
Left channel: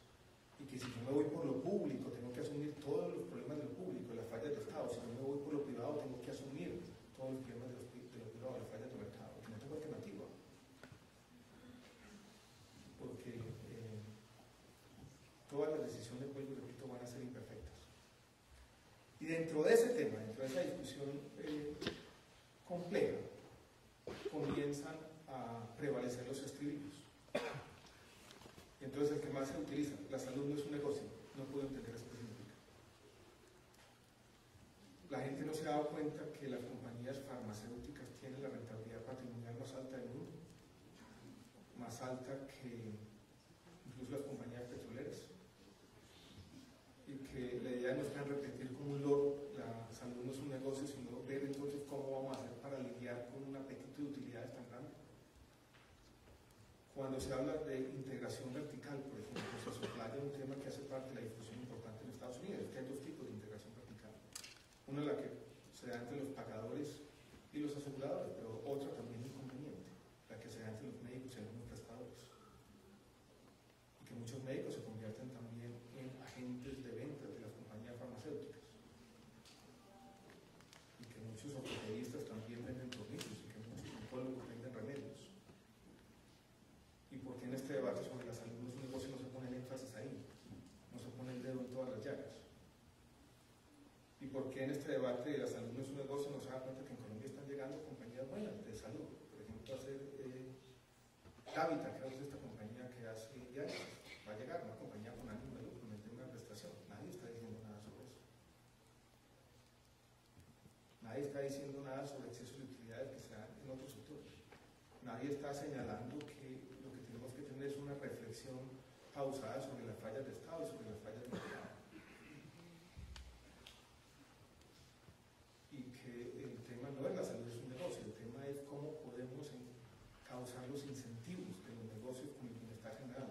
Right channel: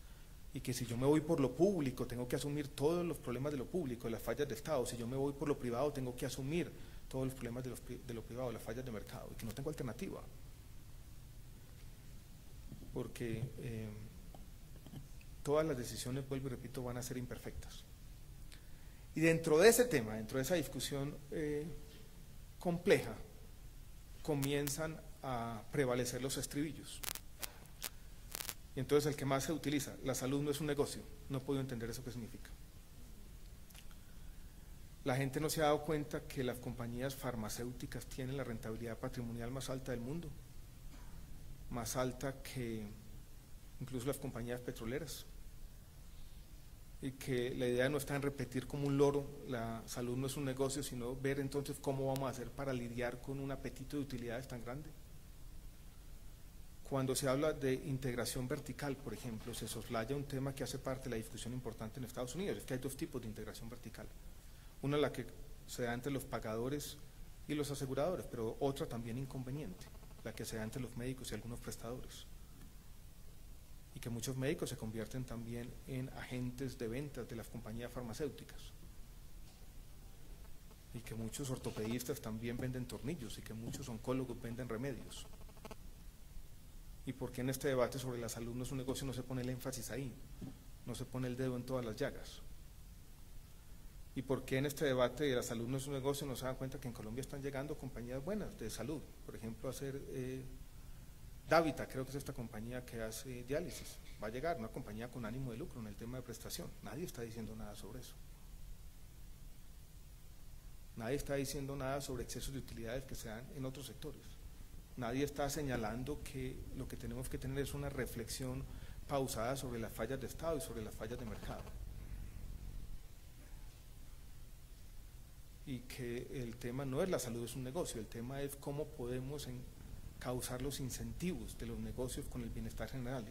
Y que si yo me voy por lo público, tengo que asumir todos los problemas de lo público, de las fallas de Estado. Si yo me voy por lo privado, tengo que asumir todos los problemas de lo privado, las fallas de mercado, y que no tengo alternativa. Porque todas las decisiones, vuelvo y repito, van a ser imperfectas. Y dentro de ese tema, dentro de esa discusión compleja, comienzan a prevalecer los estribillos. Y entonces el que más se utiliza, la salud no es un negocio, no puedo entender eso qué significa. La gente no se ha dado cuenta que las compañías farmacéuticas tienen la rentabilidad patrimonial más alta del mundo, más alta que incluso las compañías petroleras, y que la idea no está en repetir como un loro, la salud no es un negocio, sino ver entonces cómo vamos a hacer para lidiar con un apetito de utilidades tan grande. Cuando se habla de integración vertical, por ejemplo, se soslaya un tema que hace parte de la discusión importante en Estados Unidos, es que hay dos tipos de integración vertical. Una es la que se da entre los pagadores y los aseguradores, pero otra también inconveniente, la que se da entre los médicos y algunos prestadores. Y que muchos médicos se convierten también en agentes de ventas de las compañías farmacéuticas. Y que muchos ortopedistas también venden tornillos y que muchos oncólogos venden remedios. ¿Y por qué en este debate sobre la salud no es un negocio no se pone el énfasis ahí? No se pone el dedo en todas las llagas. ¿Y por qué en este debate de la salud no es un negocio no se dan cuenta que en Colombia están llegando compañías buenas de salud? Por ejemplo, hacer Davita, creo que es esta compañía que hace diálisis. Va a llegar una compañía con ánimo de lucro en el tema de prestación. Nadie está diciendo nada sobre eso. Nadie está diciendo nada sobre excesos de utilidades que se dan en otros sectores. Nadie está señalando que lo que tenemos que tener es una reflexión pausada sobre las fallas de Estado y sobre las fallas de mercado. Y que el tema no es la salud, es un negocio, el tema es cómo podemos causar los incentivos de los negocios con el bienestar general.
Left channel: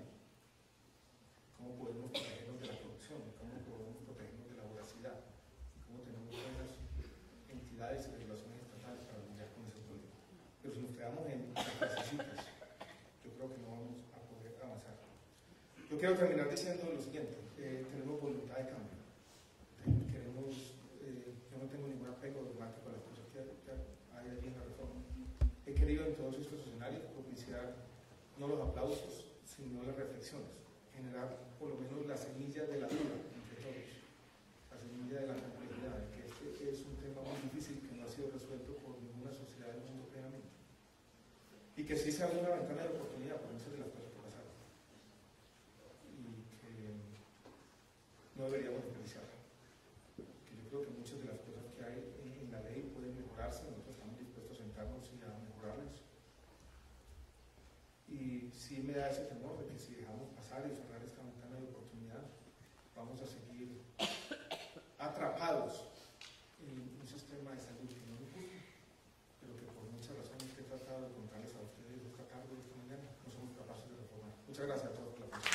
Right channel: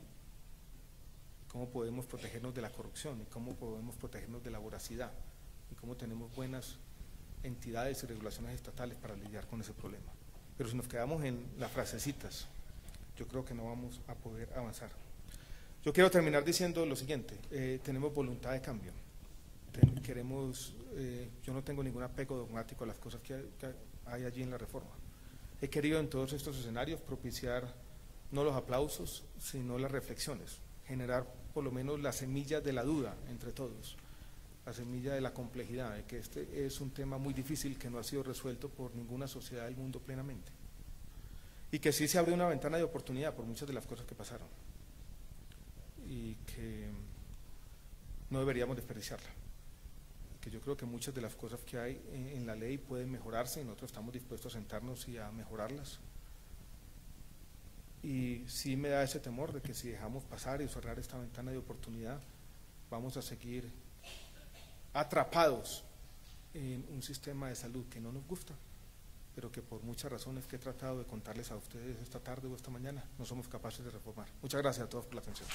Cómo podemos protegernos de la corrupción, cómo podemos protegernos de la voracidad y cómo tenemos buenas entidades y regulaciones estatales para lidiar con ese problema. Pero si nos quedamos en las frasecitas, yo creo que no vamos a poder avanzar. Yo quiero terminar diciendo lo siguiente, tenemos voluntad de cambio. Yo no tengo ningún apego dogmático a las cosas que hay allí en la reforma. He querido en todos estos escenarios propiciar no los aplausos, sino las reflexiones, generar por lo menos las semillas de la duda entre todos, la semilla de la complejidad, de que este es un tema muy difícil que no ha sido resuelto por ninguna sociedad del mundo plenamente. Y que sí se abrió una ventana de oportunidad por muchas de las cosas que pasaron. Y que no deberíamos desperdiciarla. Que yo creo que muchas de las cosas que hay en la ley pueden mejorarse y nosotros estamos dispuestos a sentarnos y a mejorarlas. Y sí me da ese temor de que si dejamos pasar y cerrar esta ventana de oportunidad, vamos a seguir atrapados en un sistema de salud que no nos gusta, pero que por muchas razones que he tratado de contarles a ustedes esta tarde o esta mañana, no somos capaces de reformar. Muchas gracias a todos por la atención.